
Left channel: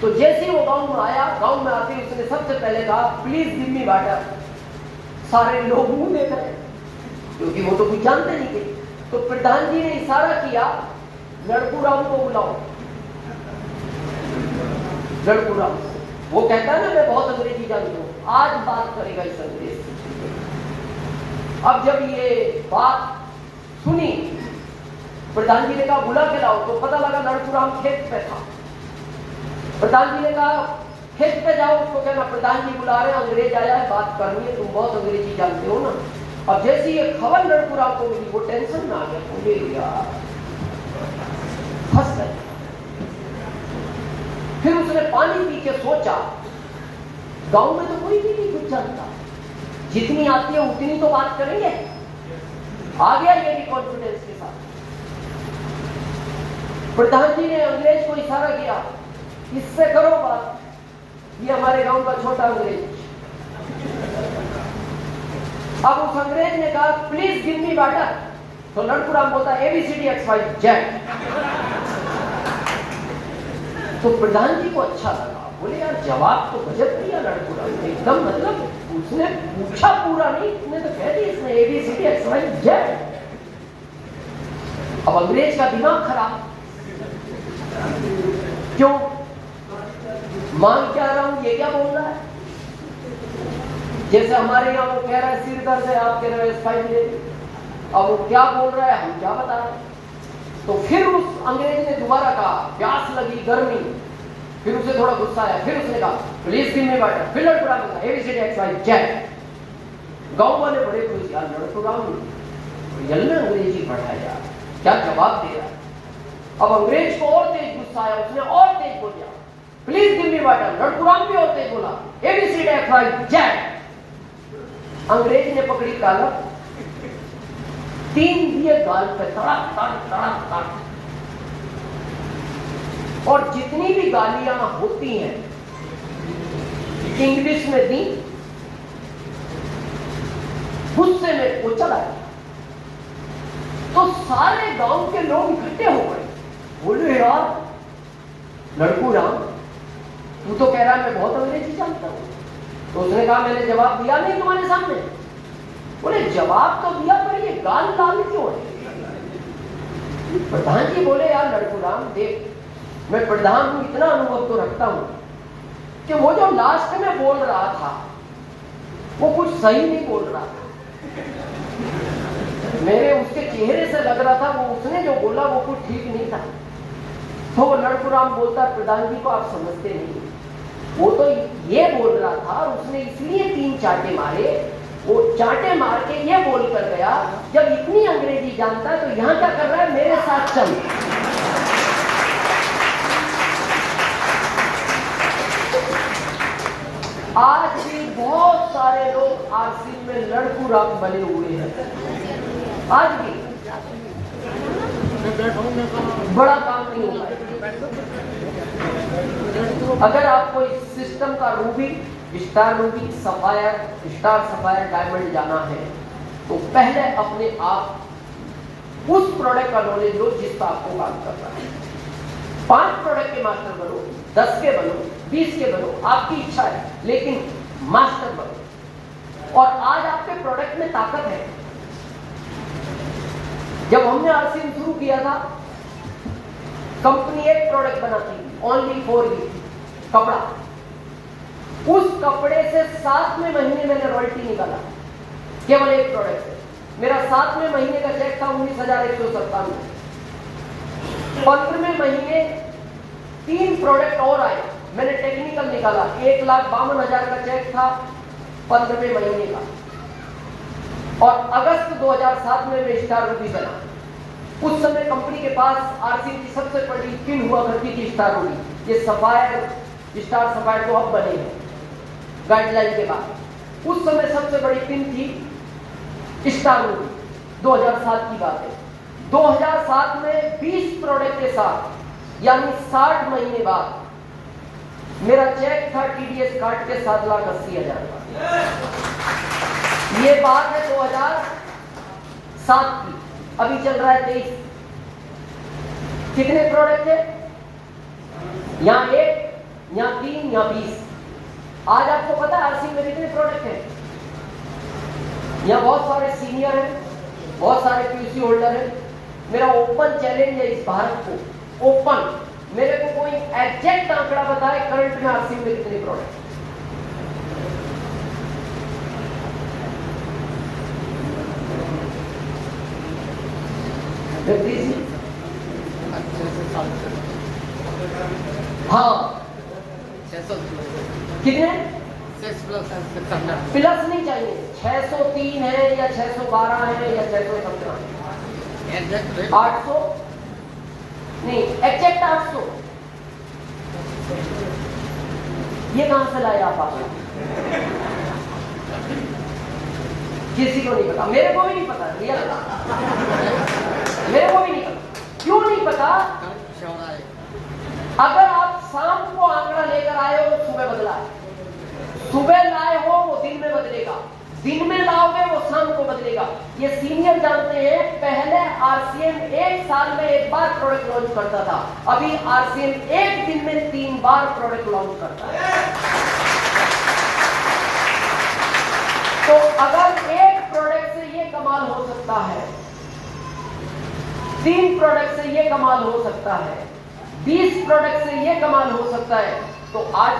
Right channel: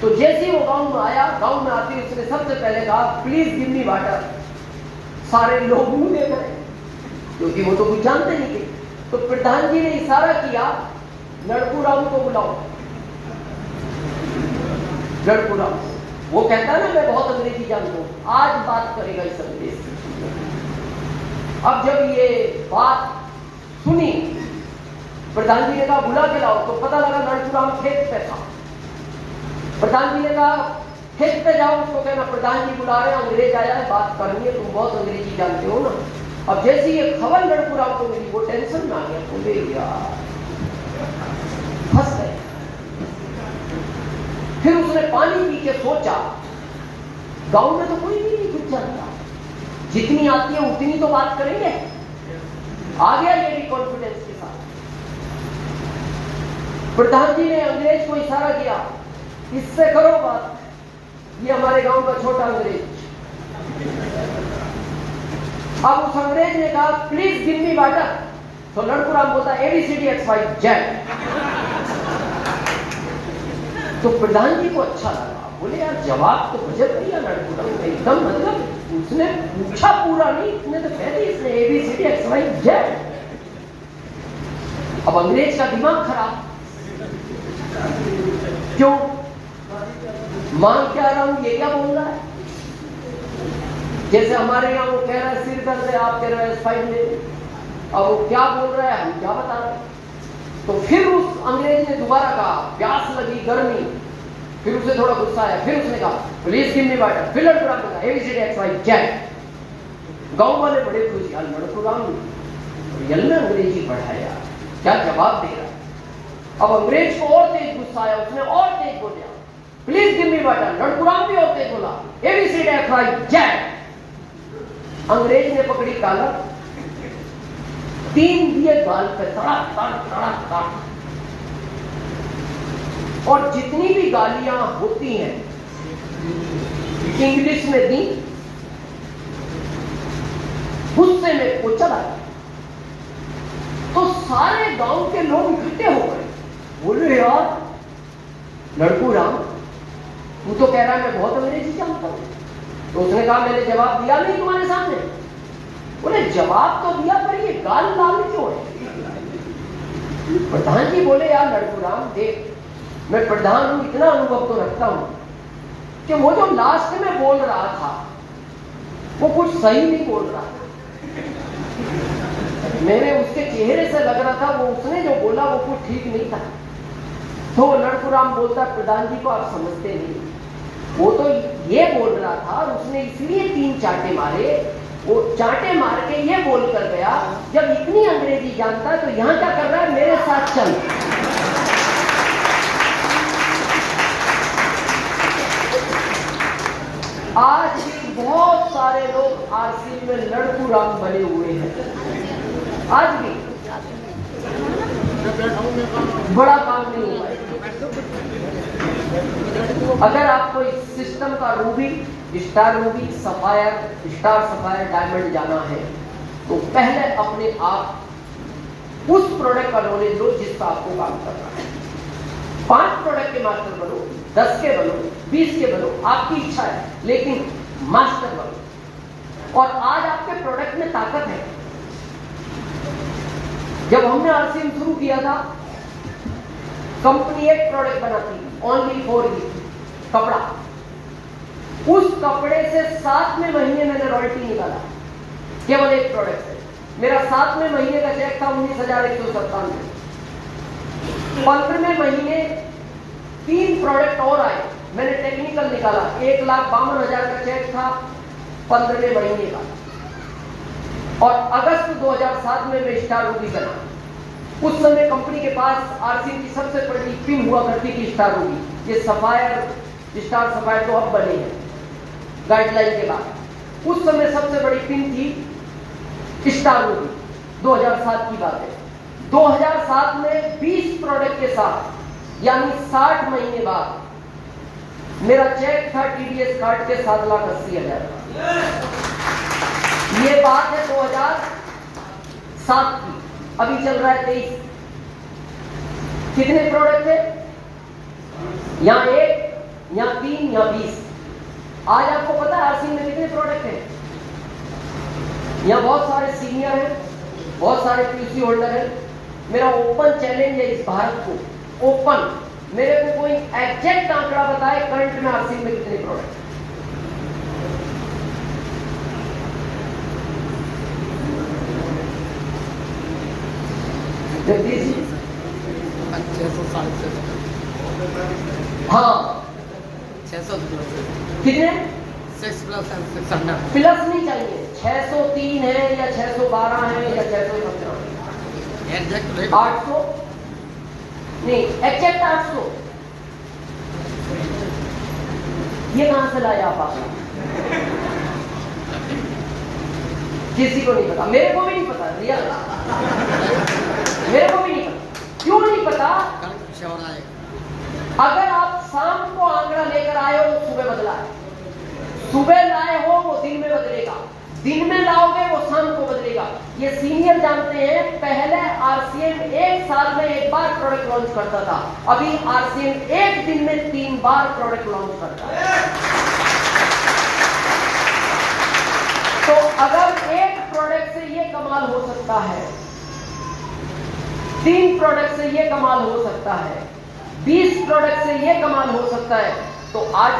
तो जैसे ही वो गांव में आया, गांव में आते उसने सबसे पहले कहा प्लीज गिव मी वाटर। सारे लोग मुंह दे गए क्योंकि वो तो कुछ जानते नहीं थे। तो प्रधान जी ने इशारा किया लड़कू राम को बुलाओ। लड़कू राम, वो कहता है ना मैं बहुत अंग्रेजी जानता हूं, आज बात करेगा इस अंग्रेज से। अब जब ये बात सुनी, प्रधान जी ने कहा बुला के लाओ। तो पता लगा लड़कू राम खेत पे था। प्रधान जी ने कहा खेत पे जाओ, उसको कहना प्रधान जी बुला रहे हैं, अंग्रेज आया है, बात करनी है, तुम बहुत अंग्रेजी जानते हो ना। अब जैसे ये खबर लड़कू राम को मिली, वो टेंशन में आ गया, बोले यार फंस गए। फिर उसने पानी पी के सोचा गांव में तो कोई भी नहीं कुछ जानता, जितनी आती है उतनी तो बात करेंगे। आ गया ये भी कॉन्फिडेंस के साथ। प्रधान जी ने अंग्रेज को इशारा किया इससे करो बात, ये हमारे गांव का छोटा अंग्रेज। अब उस अंग्रेज ने कहा प्लीज गिव मी वाटर। तो लड़कू राम बोलता ABCDXYZ। तो प्रधान जी को अच्छा लगा, बोले यार जवाब तो गजब दिया लड़कू राम ने, एकदम मतलब उसने पूछा पूरा नहीं, उसने तो कह दी इसने ABCDXYZ। अब अंग्रेज का दिमाग खराब, क्यों मां कह रहा हूं ये क्या बोल रहा है। जैसे हमारे यहाँ वो कह रहा है सिर दर्द है, आप कह रहे हैं S5 ले। अब वो क्या बोल रहा है, हम क्या बता रहे हैं। तो फिर उस अंग्रेज ने दोबारा कहा प्यास लगी, गर्मी। फिर उसे थोड़ा गुस्सा आया, फिर उसने कहा प्लीज गिव मी वाटर। फिर लड़कू राम ने कहा ABCDXYZ। गांव वाले बड़े खुश, यार लड़कू राम रियल में अंग्रेजी पढ़ाया, क्या जवाब दे रहा है। अब अंग्रेज को और तेज गुस्सा आया, उसने और तेज बोला प्लीज गिव मी वाटर। लड़कू राम भी और तेज बोला ABCDXYZ। अंग्रेज ने पकड़ी काला, 3 दिए गाल पे, तड़क तड़क तड़क तड़क। और जितनी भी गालियां होती हैं इंग्लिश में दी, गुस्से में वो चला गया। तो सारे गांव के लोग इकट्ठे हो गए, बोले यार लड़कू राम तू तो कह रहा है मैं बहुत अंग्रेजी जानता हूं। तो उसने कहा मैंने जवाब दिया नहीं तुम्हारे सामने। बोले जवाब तो दिया, पर ये गाल लाल क्यों है। प्रधान जी बोले यार लड़कू राम देख, मैं प्रधान हूं, इतना अनुभव तो रखता हूं कि वो जो लास्ट में बोल रहा था वो कुछ सही नहीं बोल रहा था। मेरे उसके चेहरे से लग रहा था वो उसने जो बोला वो कुछ ठीक नहीं था। तो लड़कू राम बोलता प्रधान जी को आप समझते नहीं, वो तो ये बोल रहा था और उसने इसलिए 3 चांटे मारे। वो चांटे मार के ये बोल कर गया जब इतनी अंग्रेजी जानता है तो यहां क्या कर रहा है, मेरे साथ चल। आज भी बहुत सारे लोग आरसीएम में लड़कू राम बने हुए हैं। आज भी बड़ा काम नहीं होता है। अगर आपको इस सिस्टम का Ruby star Ruby, sapphire, star sapphire, diamond जाना है तो पहले अपने आप उस प्रोडक्ट का नॉलेज लो जिसका आपको काम करना है। 5 प्रोडक्ट के मास्टर बनो, 10 के बनो, 20 के बनो, आपकी इच्छा है, लेकिन मास्टर बनो। और आज आपके प्रोडक्ट में ताकत है। जब हमने आरसीएम शुरू किया था, कंपनी एक प्रोडक्ट बनाती थी, ओनली फॉर यू, कपड़ा। उस कपड़े से 7वें महीने मैंने रॉयल्टी निकाला, केवल एक प्रोडक्ट से। मेरा 7वें महीने का चेक था 19,197। 15वें महीने 3 प्रोडक्ट और आए, मैंने टेक्निकल निकाला, 1,52,000 का चेक था 15वें महीने का। और अगस्त 2007 में मैं स्टार रूबी बना। उस समय कंपनी के पास आरसीएम की सबसे बड़ी पिन हुआ करती थी स्टार रूबी। ये सफायर, स्टार सफायर तो अब बने हैं गाइडलाइन के बाद। उस समय सबसे बड़ी पिन थी स्टार रूबी। 2007 की बात है। 2007 में 20 प्रोडक्ट के साथ, यानी 60 महीने बाद मेरा चेक था टीडीएस कार्ड के 7,80,000 का। ये बात है 2007 की। अभी चल रहा है 23। कितने प्रोडक्ट थे? यहां 1, यहां 3, यहां 20। आज आपको पता है आरसीएम में कितने प्रोडक्ट हैं? यहां बहुत सारे सीनियर हैं, बहुत सारे पीसी होल्डर हैं। मेरा ओपन चैलेंज है इस भारत को, ओपन, मेरे को कोई एग्जैक्ट आंकड़ा बताए करंट में आरसीएम में कितने प्रोडक्ट। हाँ, 600 कितने? 6+, प्लस नहीं चाहिए। 603 है या 612 है या 617, 800 नहीं, एग्जैक्ट 800। ये कहां से लाए आप? किसी को नहीं पता, मेरे को भी नहीं पता, रियल मेरे को भी नहीं पता। क्यों नहीं पता? अगर आप शाम को आंकड़ा लेकर आए हो तो सुबह बदला है, सुबह लाए हो वो दिन में बदलेगा, दिन में लाओगे वो शाम को बदलेगा। ये सीनियर जानते हैं। पहले आरसीएम 1 साल में 1 बार प्रोडक्ट लॉन्च करता था, अभी आरसीएम 1 दिन में 3 बार प्रोडक्ट लॉन्च करता है। तो अगर एक प्रोडक्ट से ये कमाल हो सकता है, 3 प्रोडक्ट से ये कमाल हो सकता है, 20 प्रोडक्ट से ये कमाल हो सकता है, तो आज